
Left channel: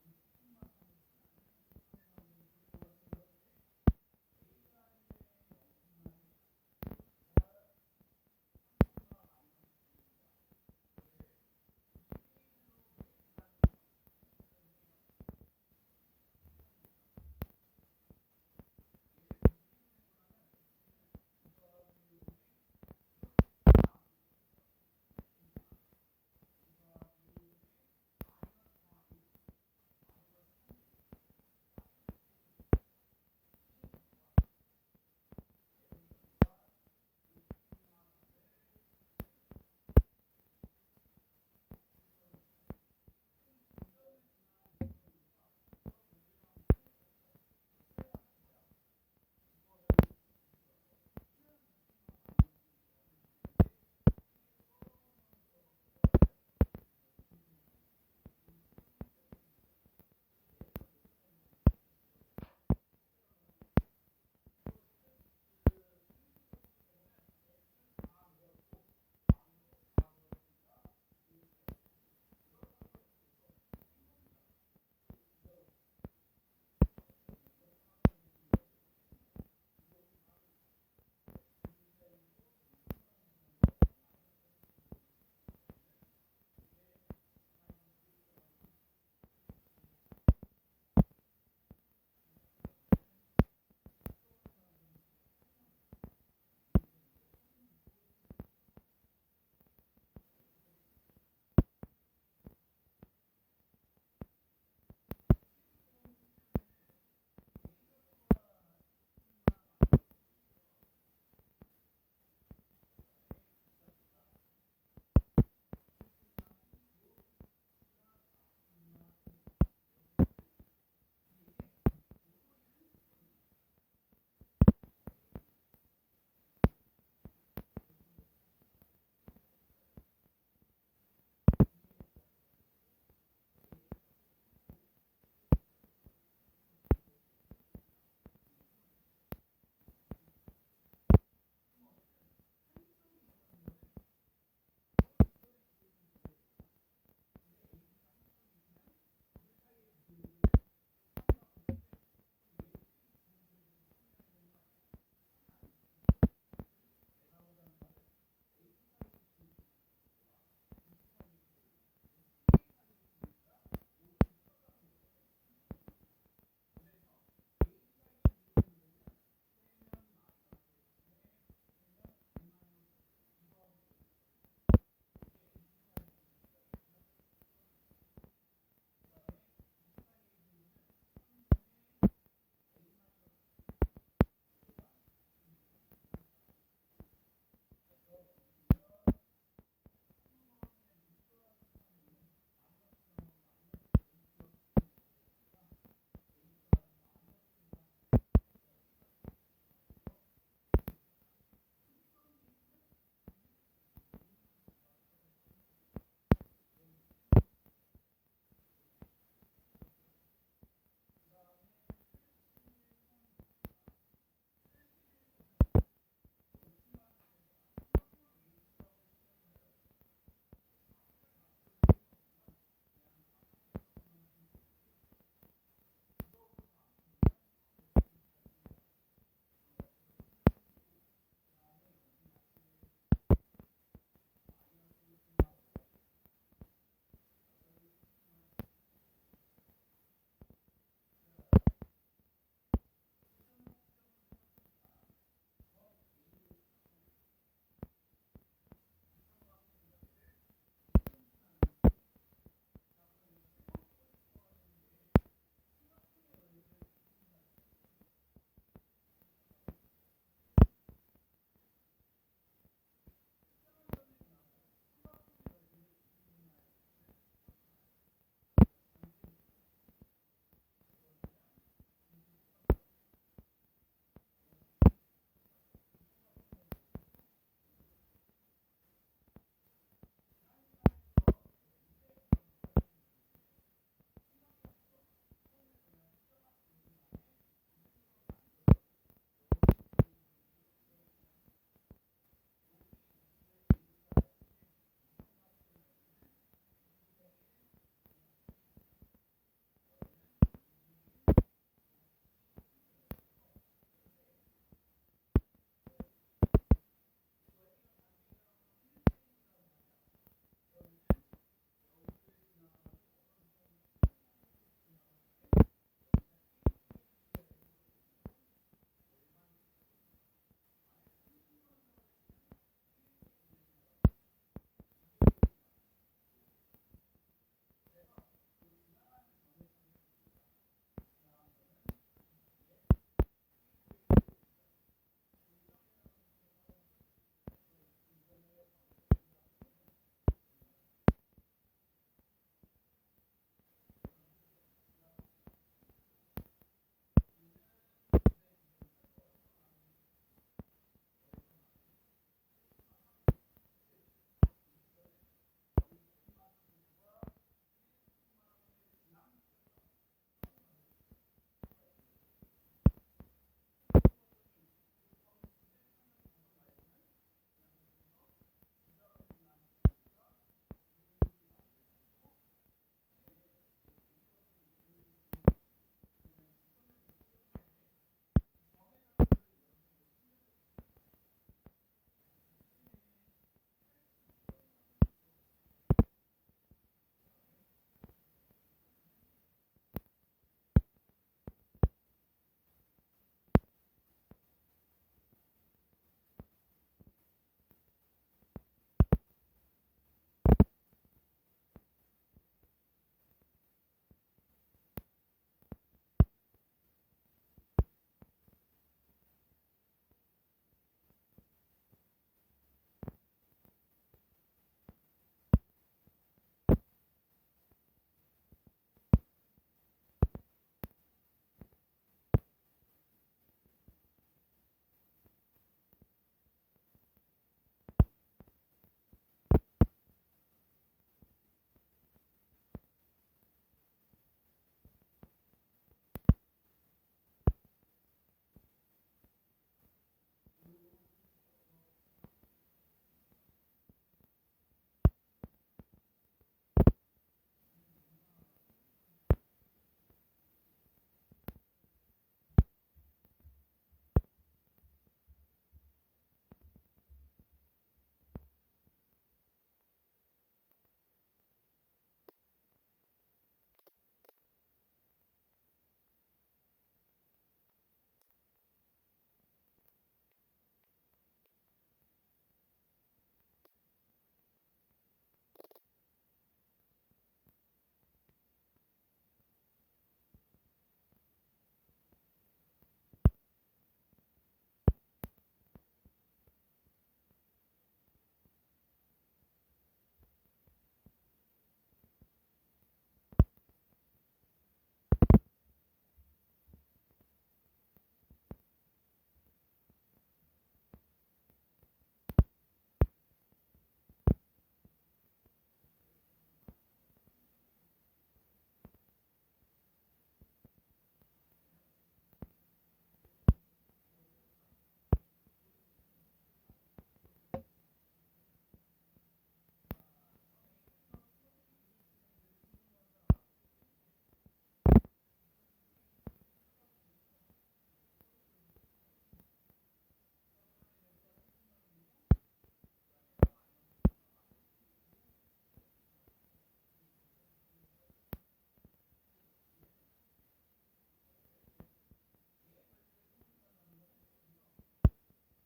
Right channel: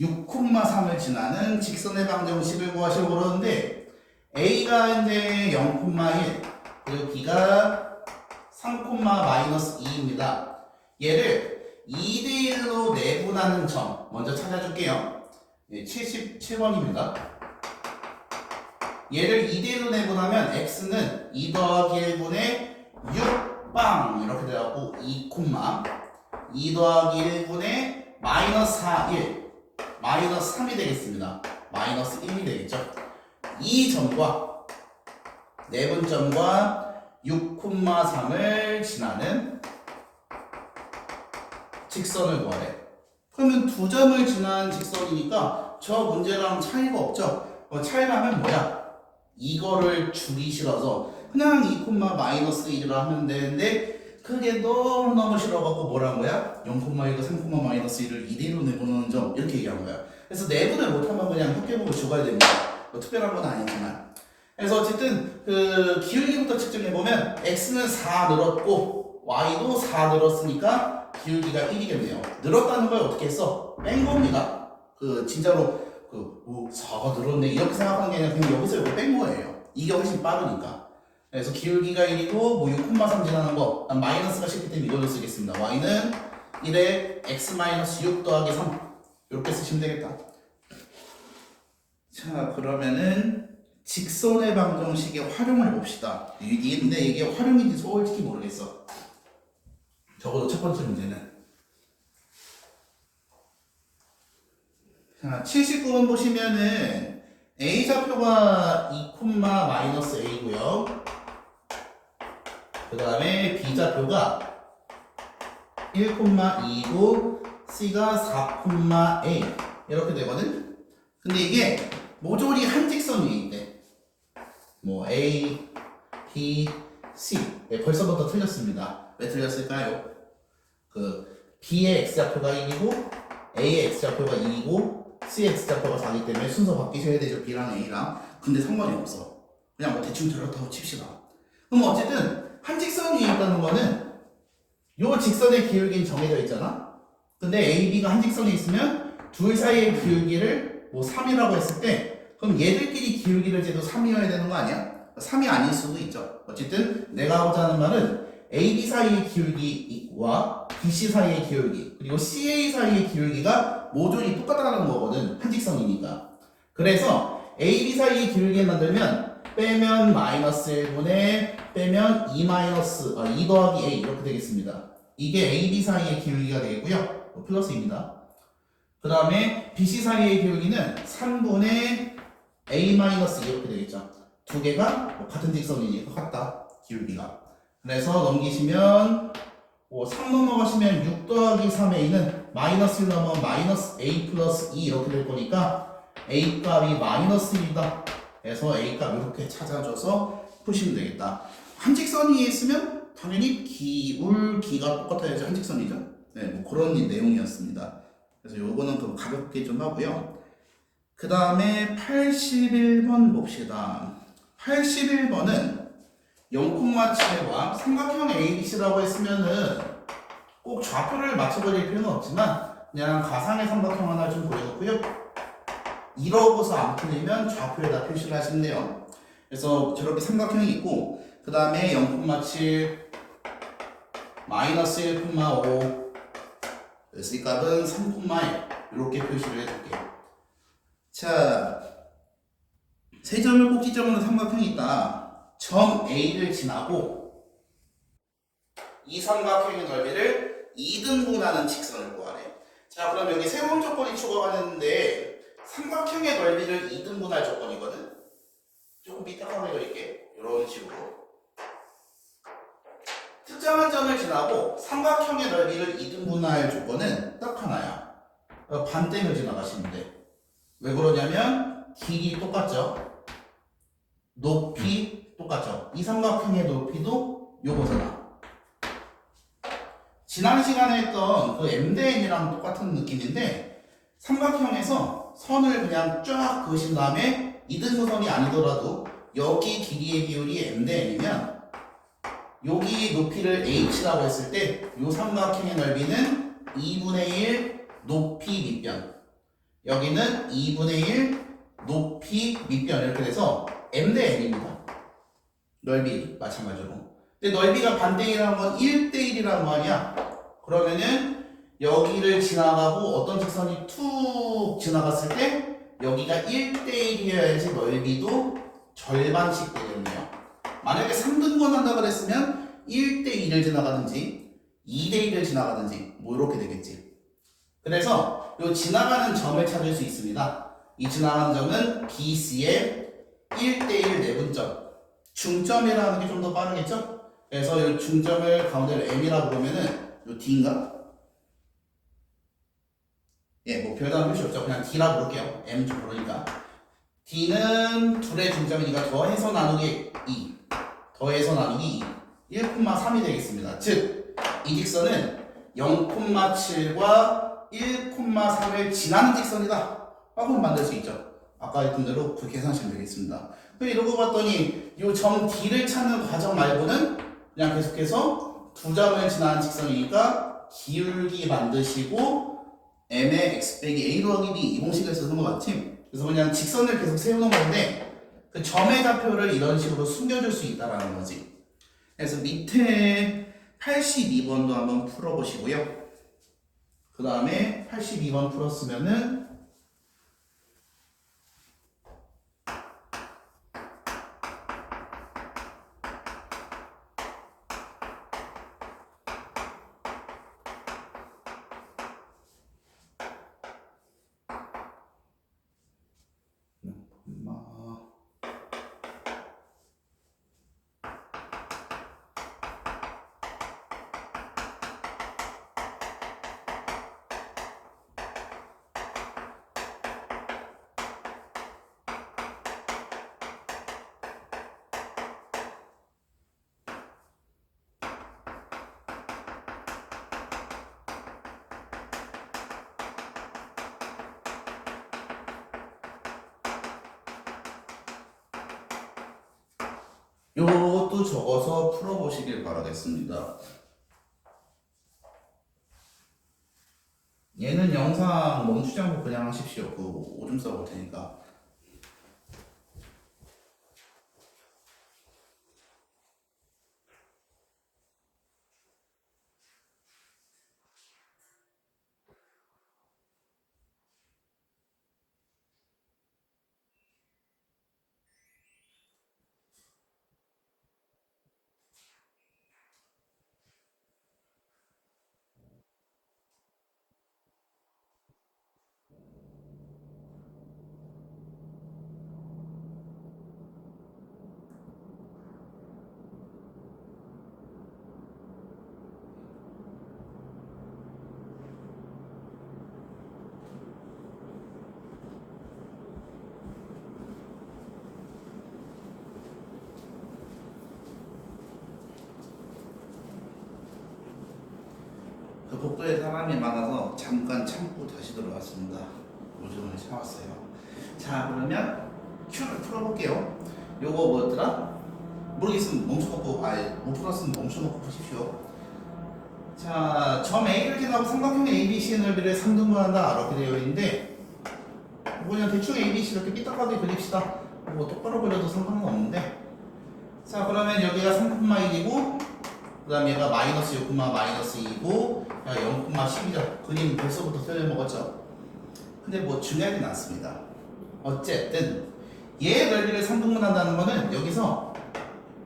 6,3을 지나는 직선의 방정식을 구하시려고 그러는데 A가 이제 0,1 그리고 B가 3,-2입니다. 얘를 2대1로 내분하는 점 먼저 찾아줄게요. 77번입니다. 얘를 2대1로 내분하면 x는 2 더하기 1분의 6빵 이렇게 돼갖고 2, 2 더하기 1분의 마이너스 4, 1 마이너스 3이 되겠습니다. 마이너스 1이 되겠죠. 이 점과 내분점과 6,3을 지나는 직선을 구하래. 그러면 두 점을 지나는 직선이니까 저 문제랑 차이가 없죠. 차이라면 뭐야? 이거를 주기 싫어서 그냥 2,-1을 하면 되는데 그게 너무 싫어갖고 뭐라는 거야? 0,1과 3,-1을 2대1로 내보는 점 이렇게 얘기한 거야. 그래서 내분을 못하면 그냥 흑개보고 죽어야 됩니다. 뭐 특별한 건 아니지만. 그래서 어쨌든 그 기울기부터 측정해보면 x는 4 늘었고 y도 4 늘었으니까 기울기가 1이겠네요. 늘었다는 걸 어떻게 했어? 뺀 겁니다. 그 진짜로 4가 늘었네 이렇게 생각하는 게 아니라 그냥 여기서 이거 뺀 거예요. 이게 훨씬 빠르니까. 그래서 기울기가 1이고 뭐 6,3 지나는 거 마이너스가 싫기 때문에 이걸로 쓰겠습니다. y는 1에 x-6 더하기 3 이렇게 쓰시면 되겠다. 자, 그러면은 직선의 방정식의 활용을 봅시다. 근데 이게 활용인지 솔직히 모르겠어. 적어도 첫 번째 문제는. 자, 79번 보시면은 A좌표가 2,-A고요. 그 다음에 B좌표가 1,2이고 C가 4,A 이렇게 되거든. 근데 이게 모조리 한 직선 위에 있대. 뭐 A, B, C. 네, 벌써부터 틀렸습니다. 왜 틀렸을까요? 그 B의 X좌표가 1이고 A의 X좌표가 2이고 C의 X좌표가 4이기 때문에 순서 바뀌셔야 되죠. B랑 A랑. 근데 상관이 없어. 그냥 뭐 대충 저렇다고 칩시다. 그럼 어쨌든 한 직선 위에 있다는 거는 요 직선의 기울기는 정해져 있잖아. 근데 A, B가 한 직선에 있으면 둘 사이의 기울기를 뭐 3이라고 했을 때 그럼 얘들끼리 기울기를 재도 3이어야 되는 거 아니야? 3이 아닐 수도 있죠. 어쨌든 내가 하고자 하는 말은 AB 사이의 기울기와 BC 사이의 기울기 그리고 CA 사이의 기울기가 모조리 똑같다는 거거든. 한 직선이니까. 그래서 AB 사이의 기울기를 만들면 빼면 마이너스 1분의 빼면 2 더하기 A 이렇게 되겠습니다. 이게 AB 사이의 기울기가 되겠고요. 플러스입니다. 그 다음에 BC 사이의 기울기는 3분의 A-2 이렇게 되겠죠. 두 개가 같은 직선이니까 같다. 기울기가. 그래서 넘기시면 3 넘어가시면 6 더하기 3A는 마이너스 1 넘어가면 마이너스 A 플러스 2 이렇게 될 거니까 A 값이 마이너스 1이다. 그래서 A 값 이렇게 찾아줘서 푸시면 되겠다. 한 직선 위에 있으면 당연히 기울기가 똑같아야지 한 직선이죠. 네, 뭐 그런 내용이었습니다. 그래서 요거는 좀 가볍게 좀 하고요. 그 다음에 81번 봅시다. 81번은 0,7과 삼각형 ABC라고 했으면은 꼭 좌표를 맞춰버릴 필요는 없지만 그냥 가상의 삼각형 하나 좀 보여놓고요. 이러고서 안 풀리면 좌표에다 표시를 하시네요. 그래서 저렇게 삼각형이 있고 그 다음에 0,7 마이너스 1,5 그래서 이 값은 3,1 이렇게 표시를 해줄게요. 자, 세 점을 꼭지점으로 삼각형이 있다. 점 A를 지나고 이 삼각형의 넓이를 2등분하는 직선을 구하래. 자, 그럼 여기 새로운 조건이 추가가 됐는데 삼각형의 넓이를 2등분할 조건이거든. 조금 밑에 한번 그릴게. 이런 식으로 특정한 점을 지나고 삼각형의 넓이를 2등분할 조건은 딱 하나야. 반대로 지나가시면 돼. 왜 그러냐면 길이 똑같죠. 높이 똑같죠. 이 삼각형의 높이도 요거잖아. 지난 시간에 했던 그 MDN이랑 똑같은 느낌인데 삼각형에서 선을 그냥 쫙 그으신 다음에 이등분선이 아니더라도 여기 길이의 비율이 MDN이면 여기 높이를 H라고 했을 때 이 삼각형의 넓이는 2분의 1 높이 밑변, 여기는 2분의 1 높이 밑변 이렇게 돼서 M 대 N입니다. 넓이 마찬가지로. 근데 넓이가 반대이라는 건 1대1이란 말이야. 그러면은 여기를 지나가고 어떤 직선이 툭 지나갔을 때 여기가 1대1이어야지 넓이도 절반씩 되겠네요. 만약에 3등분 한다 그랬으면 1대1을 지나가든지 2대1을 지나가든지 뭐 이렇게 되겠지. 그래서 이 지나가는 점을 찾을 수 있습니다. 이 지나가는 점은 BC의 1대1 내분점, 중점이라는 게 좀 더 빠르겠죠? 그래서 이 중점을 가운데로 M이라고 보면은 이 D인가? 예, 뭐 별다른 표시 없죠. 그냥 D라고 부를게요. M 좀 모르니까. D는 둘의 중점이니까 더해서 나누기 2, 더해서 나누기 2, 1,3이 되겠습니다. 즉, 이 직선은 0,7과 1,3을 지나는 직선이다. 하고 만들 수 있죠. 아까 했던 대로 그 계산식이 되겠습니다. 이러고 봤더니 이 점 D를 찾는 과정 말고는 그냥 계속해서 두 점을 지나는 직선이니까 기울기 만드시고 m의 x 빼기 a 더하기 b 이 공식을 쓰는 것 같지? 그래서 그냥 직선을 계속 세우는 건데 그 점의 좌표를 이런 식으로 숨겨줄 수 있다라는 거지. 그래서 밑에 82번도 한번 풀어보시고요. 그 다음에 82번 풀었으면은 요것도 적어서 풀어보시길 바라겠습니다. 얘는 영상 멈추지 않고 그냥 하십시오. 그 오줌 써볼 테니까. 사람이 많아서 잠깐 참고 다시 들어왔습니다. 오줌을 참았어요. 자, 그러면 Q를 풀어볼게요. 요거 뭐였더라? 모르겠으면 멈춰놓고, 못 풀었으면 멈춰놓고 보십시오. 자, 점 A를 지나고 삼각형 ABC의 넓이를 3등분한다 이렇게 되어 있는데, 그냥 대충 ABC 이렇게 삐딱하게 그립시다. 뭐 똑바로 그려도 상관은 없는데, 자, 그러면 여기가 3,1이고 그 다음에 얘가 마이너스 6, 마이너스 2고 0,10이죠. 그림 벌써부터 틀려먹었죠. 근데 뭐 중요하진 않습니다. 어쨌든 얘의 넓이를 3등분한다는 거는 여기서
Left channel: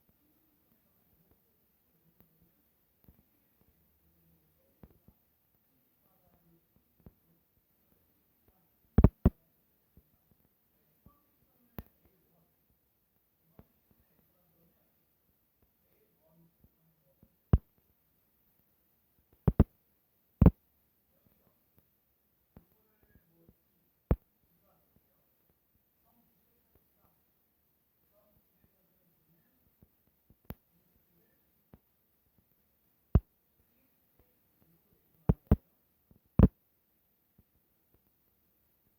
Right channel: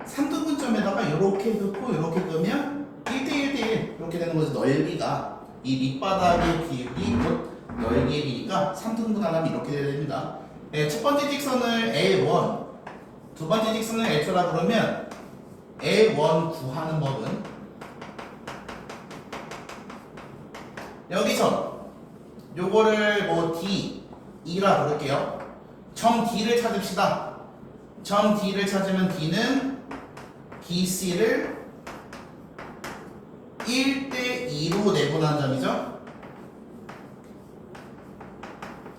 3등분점에다가 이렇게 긋고 이렇게 끄면 1대1대1 이렇게 되는 거죠. 넓이가 이 밑바닥의 비율이 곧 넓이의 비니까 3등분하면 이렇게 돼야 됩니다. 네, 첫 번째 직선을 L1, 두 번째 직선을 L2라 그러면 L1 구하는 법은 여기서 요거를 뭐 D2라 부를게요. 점 D를 찾읍시다. 점 D를 찾으면 D는 BC를 1대2로 내분한 점이죠.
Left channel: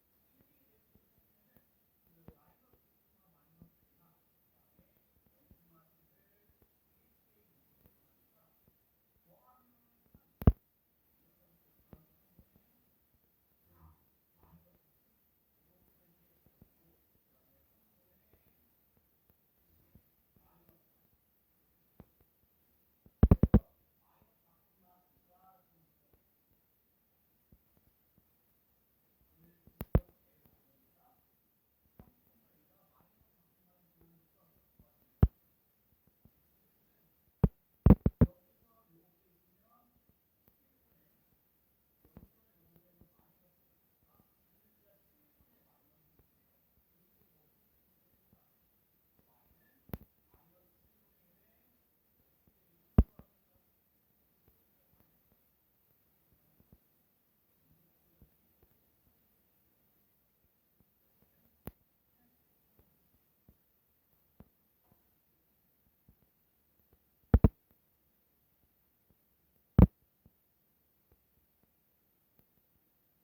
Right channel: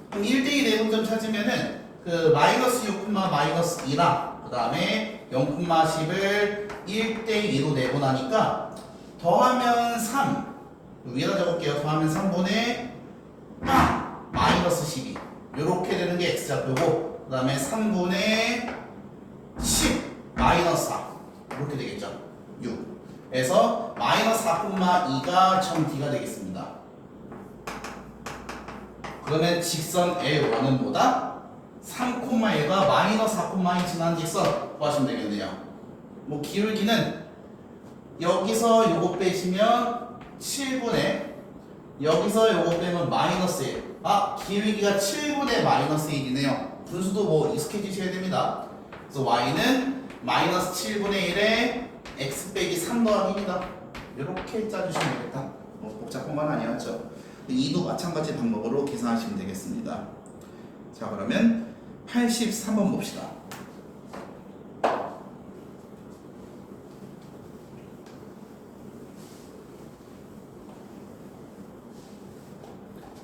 그럼 1대2 내분점 찾으면은 그 마이너스 6, 마이너스 2랑 그 다음에 0,10을 1대2로 내분하니까 더하면 3 위에다 적을게요. 더하면 3분의 마이너스 12 이렇게 되는 게 x좌표고 그 다음에 3분의 10 마이너스 4 이렇게 되겠죠. 6 그래서 마이너스 4,2가 점 D가 되겠습니다. 그러면 직선 L1은 뭐다? 3,1과 마이너스 4,2 지난 직선 구하시면 되겠네요. 뭐 기울기는 여기서 요거 빼시면 7분의 여기서 요거 빼면 마이너스 1. 기울기가 7분의 마이너스 1이네요. 분수도 뭐 익숙해지셔야 됩니다. 그래서 y는 마이너스 7분의 1에 x 빼기 3 더하기입니다. 이렇게 짜주시면 되겠다. 뭐 복잡한 건 아니었죠. 2도 마찬가지 방법으로 계산하시면 되겠습니다. 자, 그러면 83번 봅시다.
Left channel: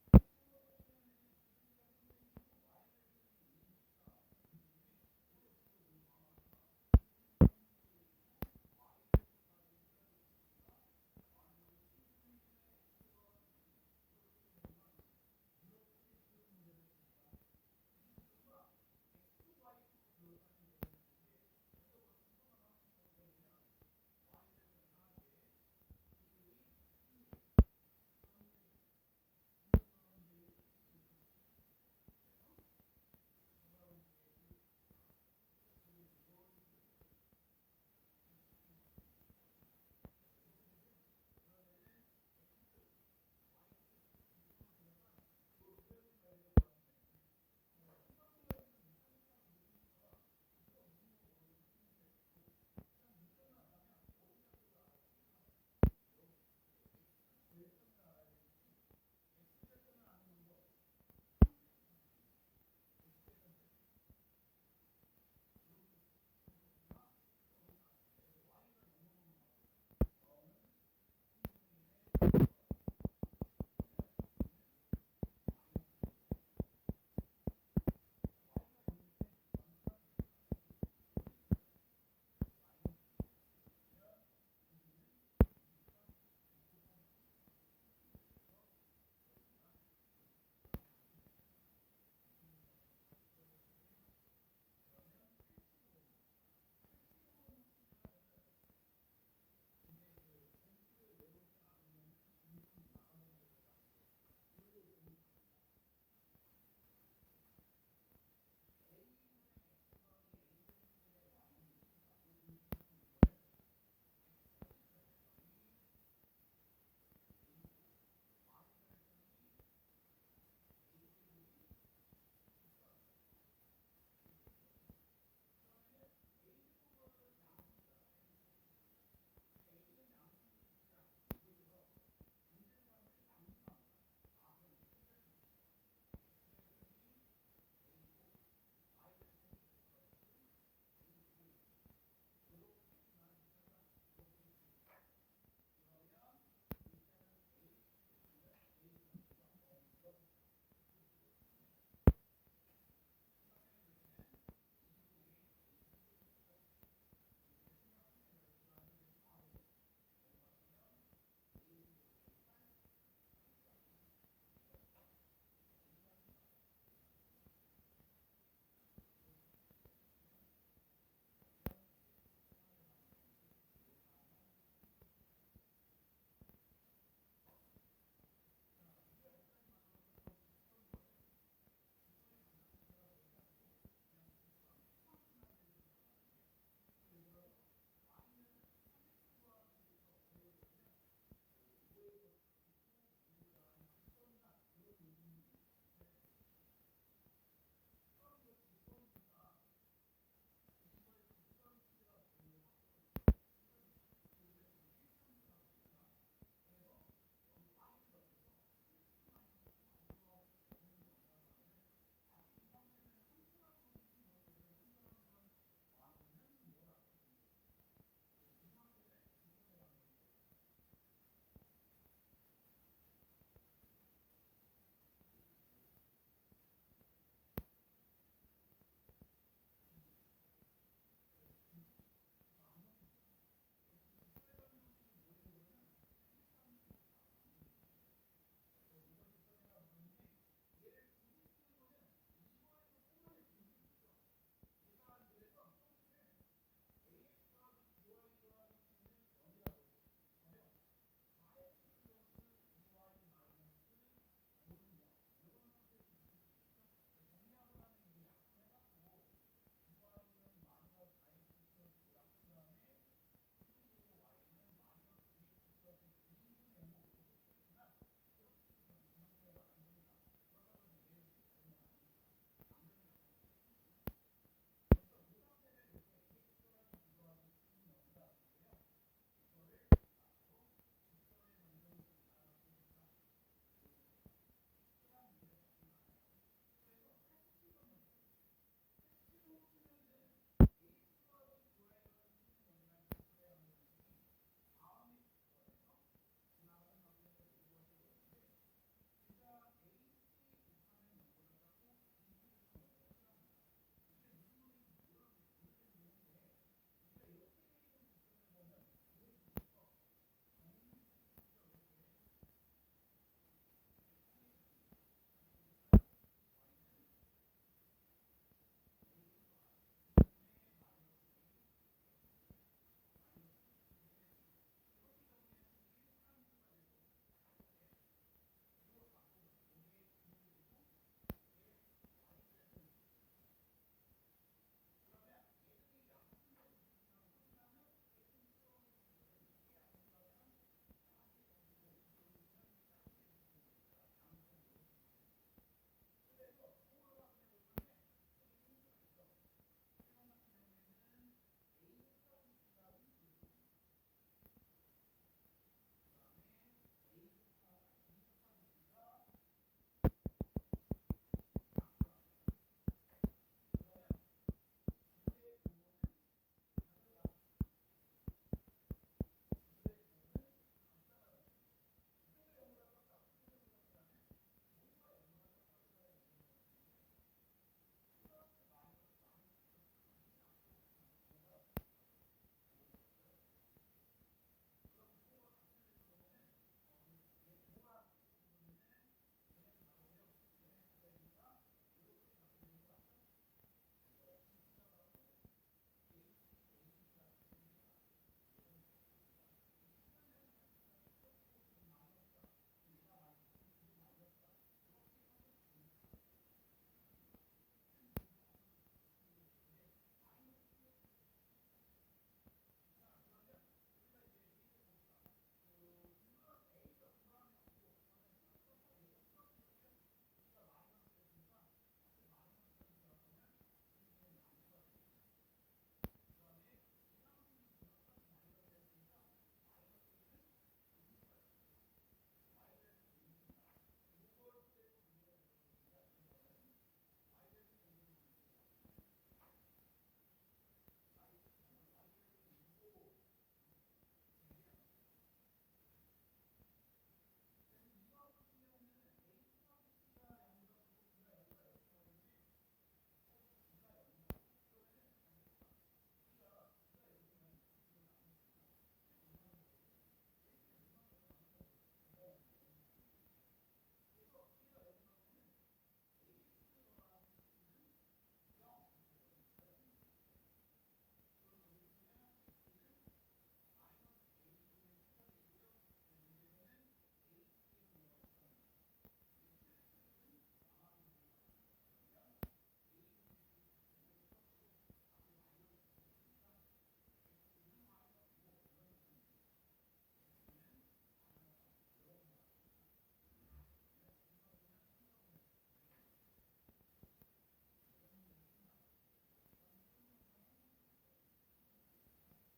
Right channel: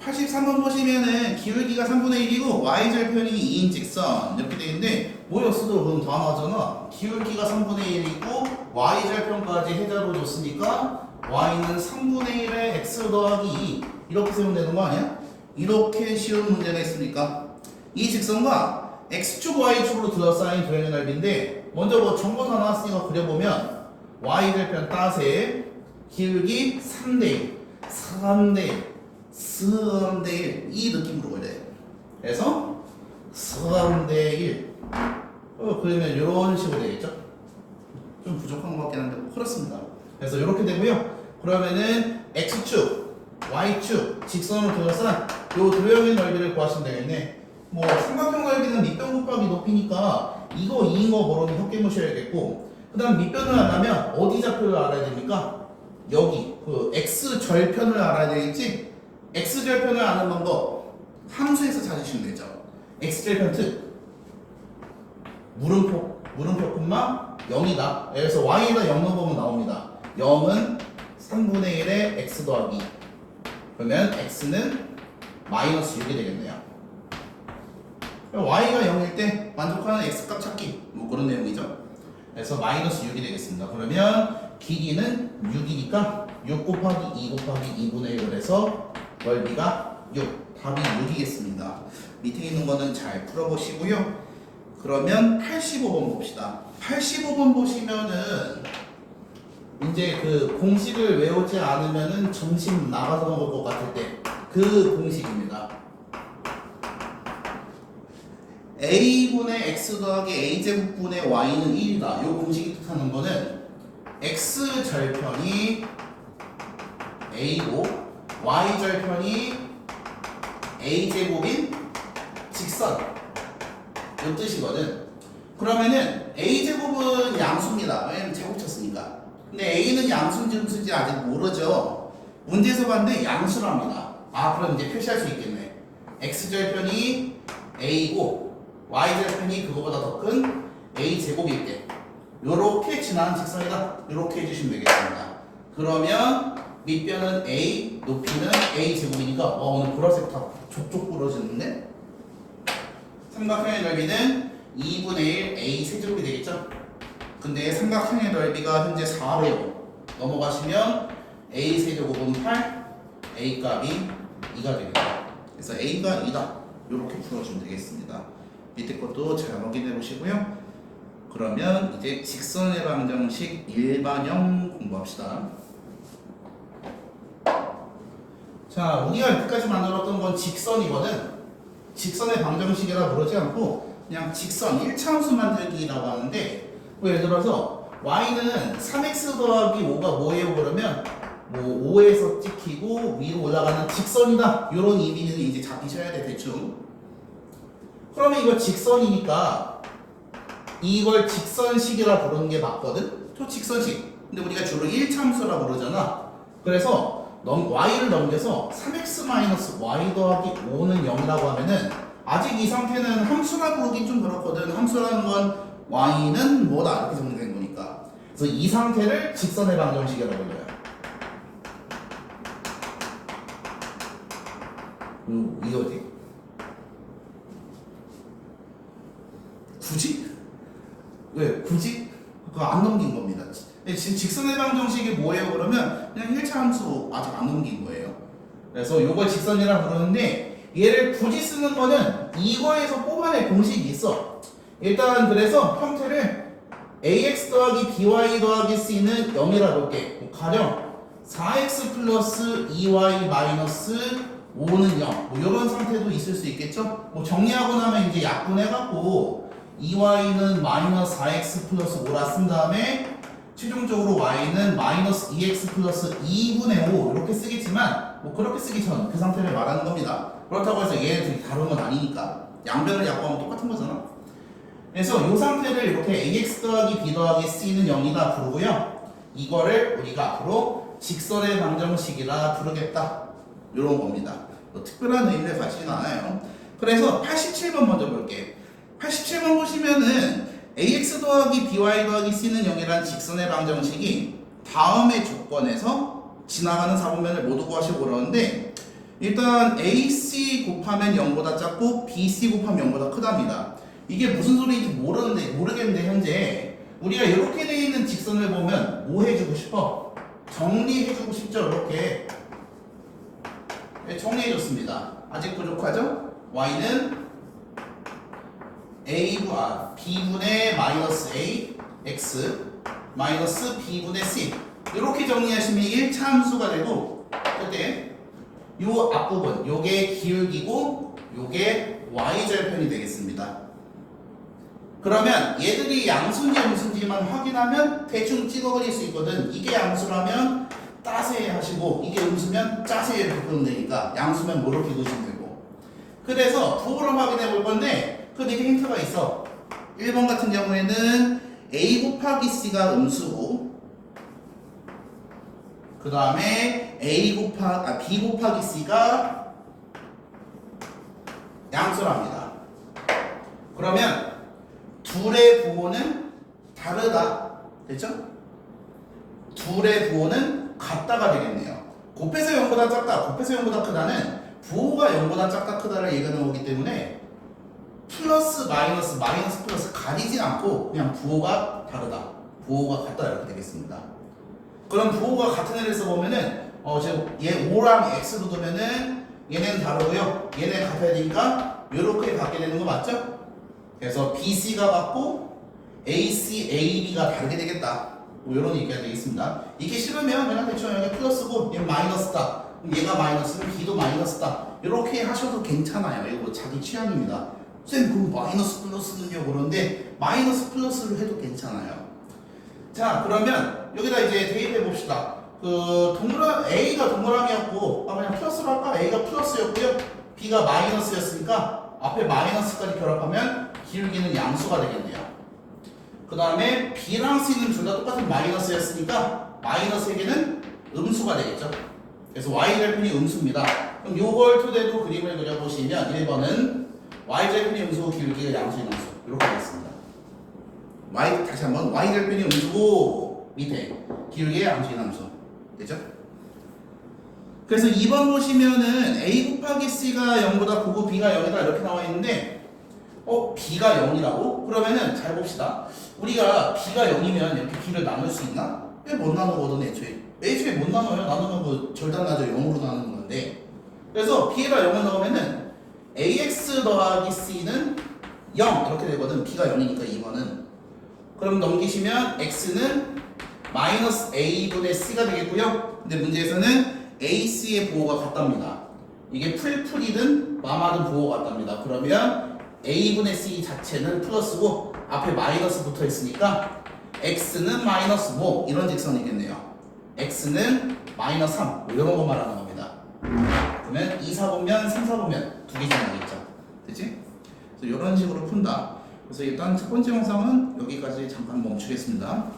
83번 보시면은 기울기가 3분의 1이고 y절편이 2인 직선 이렇게 되어 있는데 뭐였어도 그럼 다 나오잖아. 기울기가 3분의 1이고 y절편까지 해자로 줬으니까 y는 3분의 1에 x 더하기 2 이렇게 세우면 되는 거 아니야? 이렇게 쉬운 문제가 있습니까? 이 직선과 x축 y축으로 둘러싸인 도형의 넓이인데 먼저 뭐 정보 다 나왔으니까 그려보면 y절편 따세 기울기 3대 1 3대 1 3대 1 이 느낌으로 그려요. 그래서 3대 1 그러면 이런 식으로 되겠죠? 좀 부족한 것 같긴 한데 그렇습니다. 그래서 이렇게 되고요. 그러면은 x축, y축 직선으로 둘러싼 이 도형의 넓이를 구하시면 되겠네. 뭐 삼각형 넓이는 밑변 곱하기 높이니까 이거 2인 거 모르면 혀 깨무셔야겠고 그 다음 밑변을 안 하면 어디 좌표를 알아야 됩니까? 여기 그 x절편을 알아야 되겠지? x절편을 아는 방법 함수에서 찾으시면 되죠. x절편 특 물음표 0이다. 그래서 y에다 0 넣어보면 나옵니다. 0은 3분의 1에 x 더하기 그러면 x는 마이너스 6이 되겠네요. y가 0일 때 만족하는 x값 찾기 뭐 그런 내용이죠. 그래서 마이너스 6이 되겠습니다. 그러면 길이는 6이니까 6 곱하기 2 곱하기 2분의 1을 해서 넓이가 6 답이 6이겠습니다. 밑에 있는 거는 잘 풀어보시고요. 그러면 85번 봅시다. 85번 보시면은 이제 그 공식을 외우지 않으면은 점심 나가서 먹을 것 같을 때 그 공식입니다. a분의 x 더하기 a제곱분의 y는 1이다. 이 공식이 뜻하는 거는 x절편이 a고 y절편이 a제곱인 직선 이 뜻이거든. 그러면은 a제곱은 양수입니다. 왜냐면 제곱 쳤으니까. 근데 a는 양수인지 음수인지 아직 모르죠. 문제에서 봤는데 양수랍니다. 그럼 이제 표시할 수 있겠네. x절편이 a고 y절편이 그거보다 더 큰 a제곱일 때 요렇게 지나는 직선이다. 요렇게 해주시면 되겠습니다. 그러면 밑변은 a, 높이는 a 제곱이니까 오늘 보라색 다 족족 부러지는데 삼각형의 넓이는 2분의 1 a 세제곱이 되겠죠? 근데 삼각형의 넓이가 현재 4배고 넘어가시면 a 세제곱은 8, a 값이 2가 되겠다. 그래서 a가 2다. 이렇게 풀어주면 되겠습니다. 밑에 것도 잘 확인해 보시고요. 그러면 이제 직선의 방정식 일반형 공부합시다. 자, 우리가 여기까지 만들었던 건 직선이거든. 직선의 방정식이라 부르지 않고 그냥 직선 1차함수 만들기라고 하는데 뭐 예를 들어서 y는 3x 더하기 5가 뭐예요? 그러면 뭐 5에서 찍히고 위로 올라가는 직선이다. 이런 의미는 이제 잡히셔야 돼 대충. 그러면 이거 직선이니까 이걸 직선식이라 부르는 게 맞거든? 초직선식. 근데 우리가 주로 1차함수라 부르잖아. 그래서 y를 넘겨서 3x-y 더하기 5는 0이라고 하면은 아직 이 상태는 함수라 부르긴 좀 그렇거든. 함수라는 건 y는 뭐다 이렇게 정리된 거니까. 그래서 이 상태를 직선의 방정식이라고 불러요. 이거지. 굳이? 왜? 굳이? 그거 안 넘긴 겁니다. 지금 직선의 방정식이 뭐예요? 그러면 그냥 1차 함수 아직 안 넘긴 거예요. 그래서 이걸 직선이라 부르는데 얘를 굳이 쓰는 거는 이거에서 뽑아낼 공식이 있어. 일단 그래서 형태를 ax 더하기 by 더하기 c는 0이라 볼게. 가령 4x 플러스 2y 마이너스 5는 0. 뭐 이런 상태도 있을 수 있겠죠? 뭐 정리하고 나면 이제 약분해갖고 2y는 마이너스 4x 플러스 5라 쓴 다음에 최종적으로 y는 마이너스 2x 플러스 2분의 5 이렇게 쓰겠지만 뭐 그렇게 쓰기 전 그 상태를 말하는 겁니다. 그렇다고 해서 얘네들이 다른 건 아니니까 양변을 약분하면 똑같은 거잖아. 그래서 이 상태를 이렇게 ax 더하기 b 더하기 c는 0이다 부르고요. 이거를 우리가 앞으로 직선의 방정식이라 부르겠다. 이런 겁니다. 뭐 특별한 의미를 가지진 않아요. 그래서 87번 먼저 볼게. 87번 보시면은 ax 더하기 by 더하기 c는 0이라는 직선의 방정식이 다음의 조건에서 지나가는 사분면을 모두 구하시고 그러는데 일단 ac 곱하면 0보다 작고 bc 곱하면 0보다 크답니다. 이게 무슨 소리인지 모르겠는데 현재 우리가 이렇게 되어 있는 직선을 보면 뭐 해주고 싶어? 정리해주고 싶죠. 이렇게 정리해줬습니다. 아직 부족하죠? y는 b분의 마이너스 a x 마이너스 b분의 c 이렇게 정리하시면 1차 함수가 되고 그때 요 앞부분 요게 기울기고 요게 y절편이 되겠습니다. 그러면 얘들이 양수인지 음수인지만 확인하면 대충 찍어버릴 수 있거든. 이게 양수라면 따세 하시고 이게 음수면 짜세 이렇게 그으면 되니까 양수면 뭐 이렇게 그으시면 되고 그래서 부호를 확인해 볼 건데 그 밑에 힌트가 있어. 1번 같은 경우에는 a 곱하기 c가 음수고 그 다음에 b 곱하기 c가 양수랍니다. 그러면 둘의 부호는 다르다. 됐죠? 둘의 부호는 같다가 되겠네요. 곱해서 0보다 작다, 곱해서 0보다 크다는 부호가 0보다 작다 크다를 얘기하는 거기 때문에 플러스 마이너스 플러스 가리지 않고 그냥 부호가 다르다, 부호가 같다 이렇게 되겠습니다. 그럼 부호가 같은 애를 써보면은 지금 얘 5랑 x로 두면은 얘네는 다르고요. 얘네 같아야 되니까 이렇게 갖게 되는 거 맞죠? 그래서 BC가 같고 AC, AB가 다르게 되겠다. 뭐 이런 얘기가 되겠습니다. 이게 싫으면 그냥 대충 여기 플러스고 얘 마이너스다. 얘가 마이너스면 B도 마이너스다. 이렇게 하셔도 괜찮아요. 이거 자기 취향입니다. 선생님 그럼 마이너스 플러스는요? 그런데 마이너스 플러스를 해도 괜찮아요. 자 그러면 여기다 이제 대입해 봅시다. 그 A가 동그라미였고 그냥 플러스로 할까? A가 플러스였고요. B가 마이너스였으니까 앞에 마이너스까지 결합하면 기울기는 양수가 되겠네요. 그 다음에 B랑 C는 둘 다 똑같은 마이너스였으니까 마이너스에게는 음수가 되겠죠. 그래서 y절편이 음수입니다. 그럼 요걸 토대로 그림을 그려보시면 1번은 y절편이 음수고 기울기가 양수인 함수 이렇게 되겠습니다. 다시 한번 y절편이 음수고 밑에 기울기가 양수인 함수 되죠? 그래서 2번 보시면은 A 곱하기 C가 0보다 크고 B가 0이다 이렇게 나와 있는데 B가 0이라고? 그러면은 잘 봅시다. 우리가 B가 0이면 이렇게 B를 나눌 수 있나? 왜 못 나누거든 애초에 못 나눠요. 나누면 뭐 절단나죠. 0으로 나누는 건데 그래서 B에다 0을 넣으면은 AX 더하기 C는 0 이렇게 되거든. B가 0이니까 2번은 그럼 넘기시면 X는 마이너스 A분의 C가 되겠고요. 근데 문제에서는 AC의 부호가 같답니다. 이게 풀풀이든 마마든 부호가 같답니다. 그러면 A분의 C 자체는 플러스고 앞에 마이너스 붙어 있으니까 X는 마이너스 5 이런 직선이겠네요. X는 마이너스 3 뭐 이런 거 말하는 겁니다. 그러면 2, 4보면 3, 4보면 두 개씩 나겠죠. 그치? 그래서 이런 식으로 푼다. 그래서 일단 첫 번째 영상은 여기까지 잠깐 멈추겠습니다.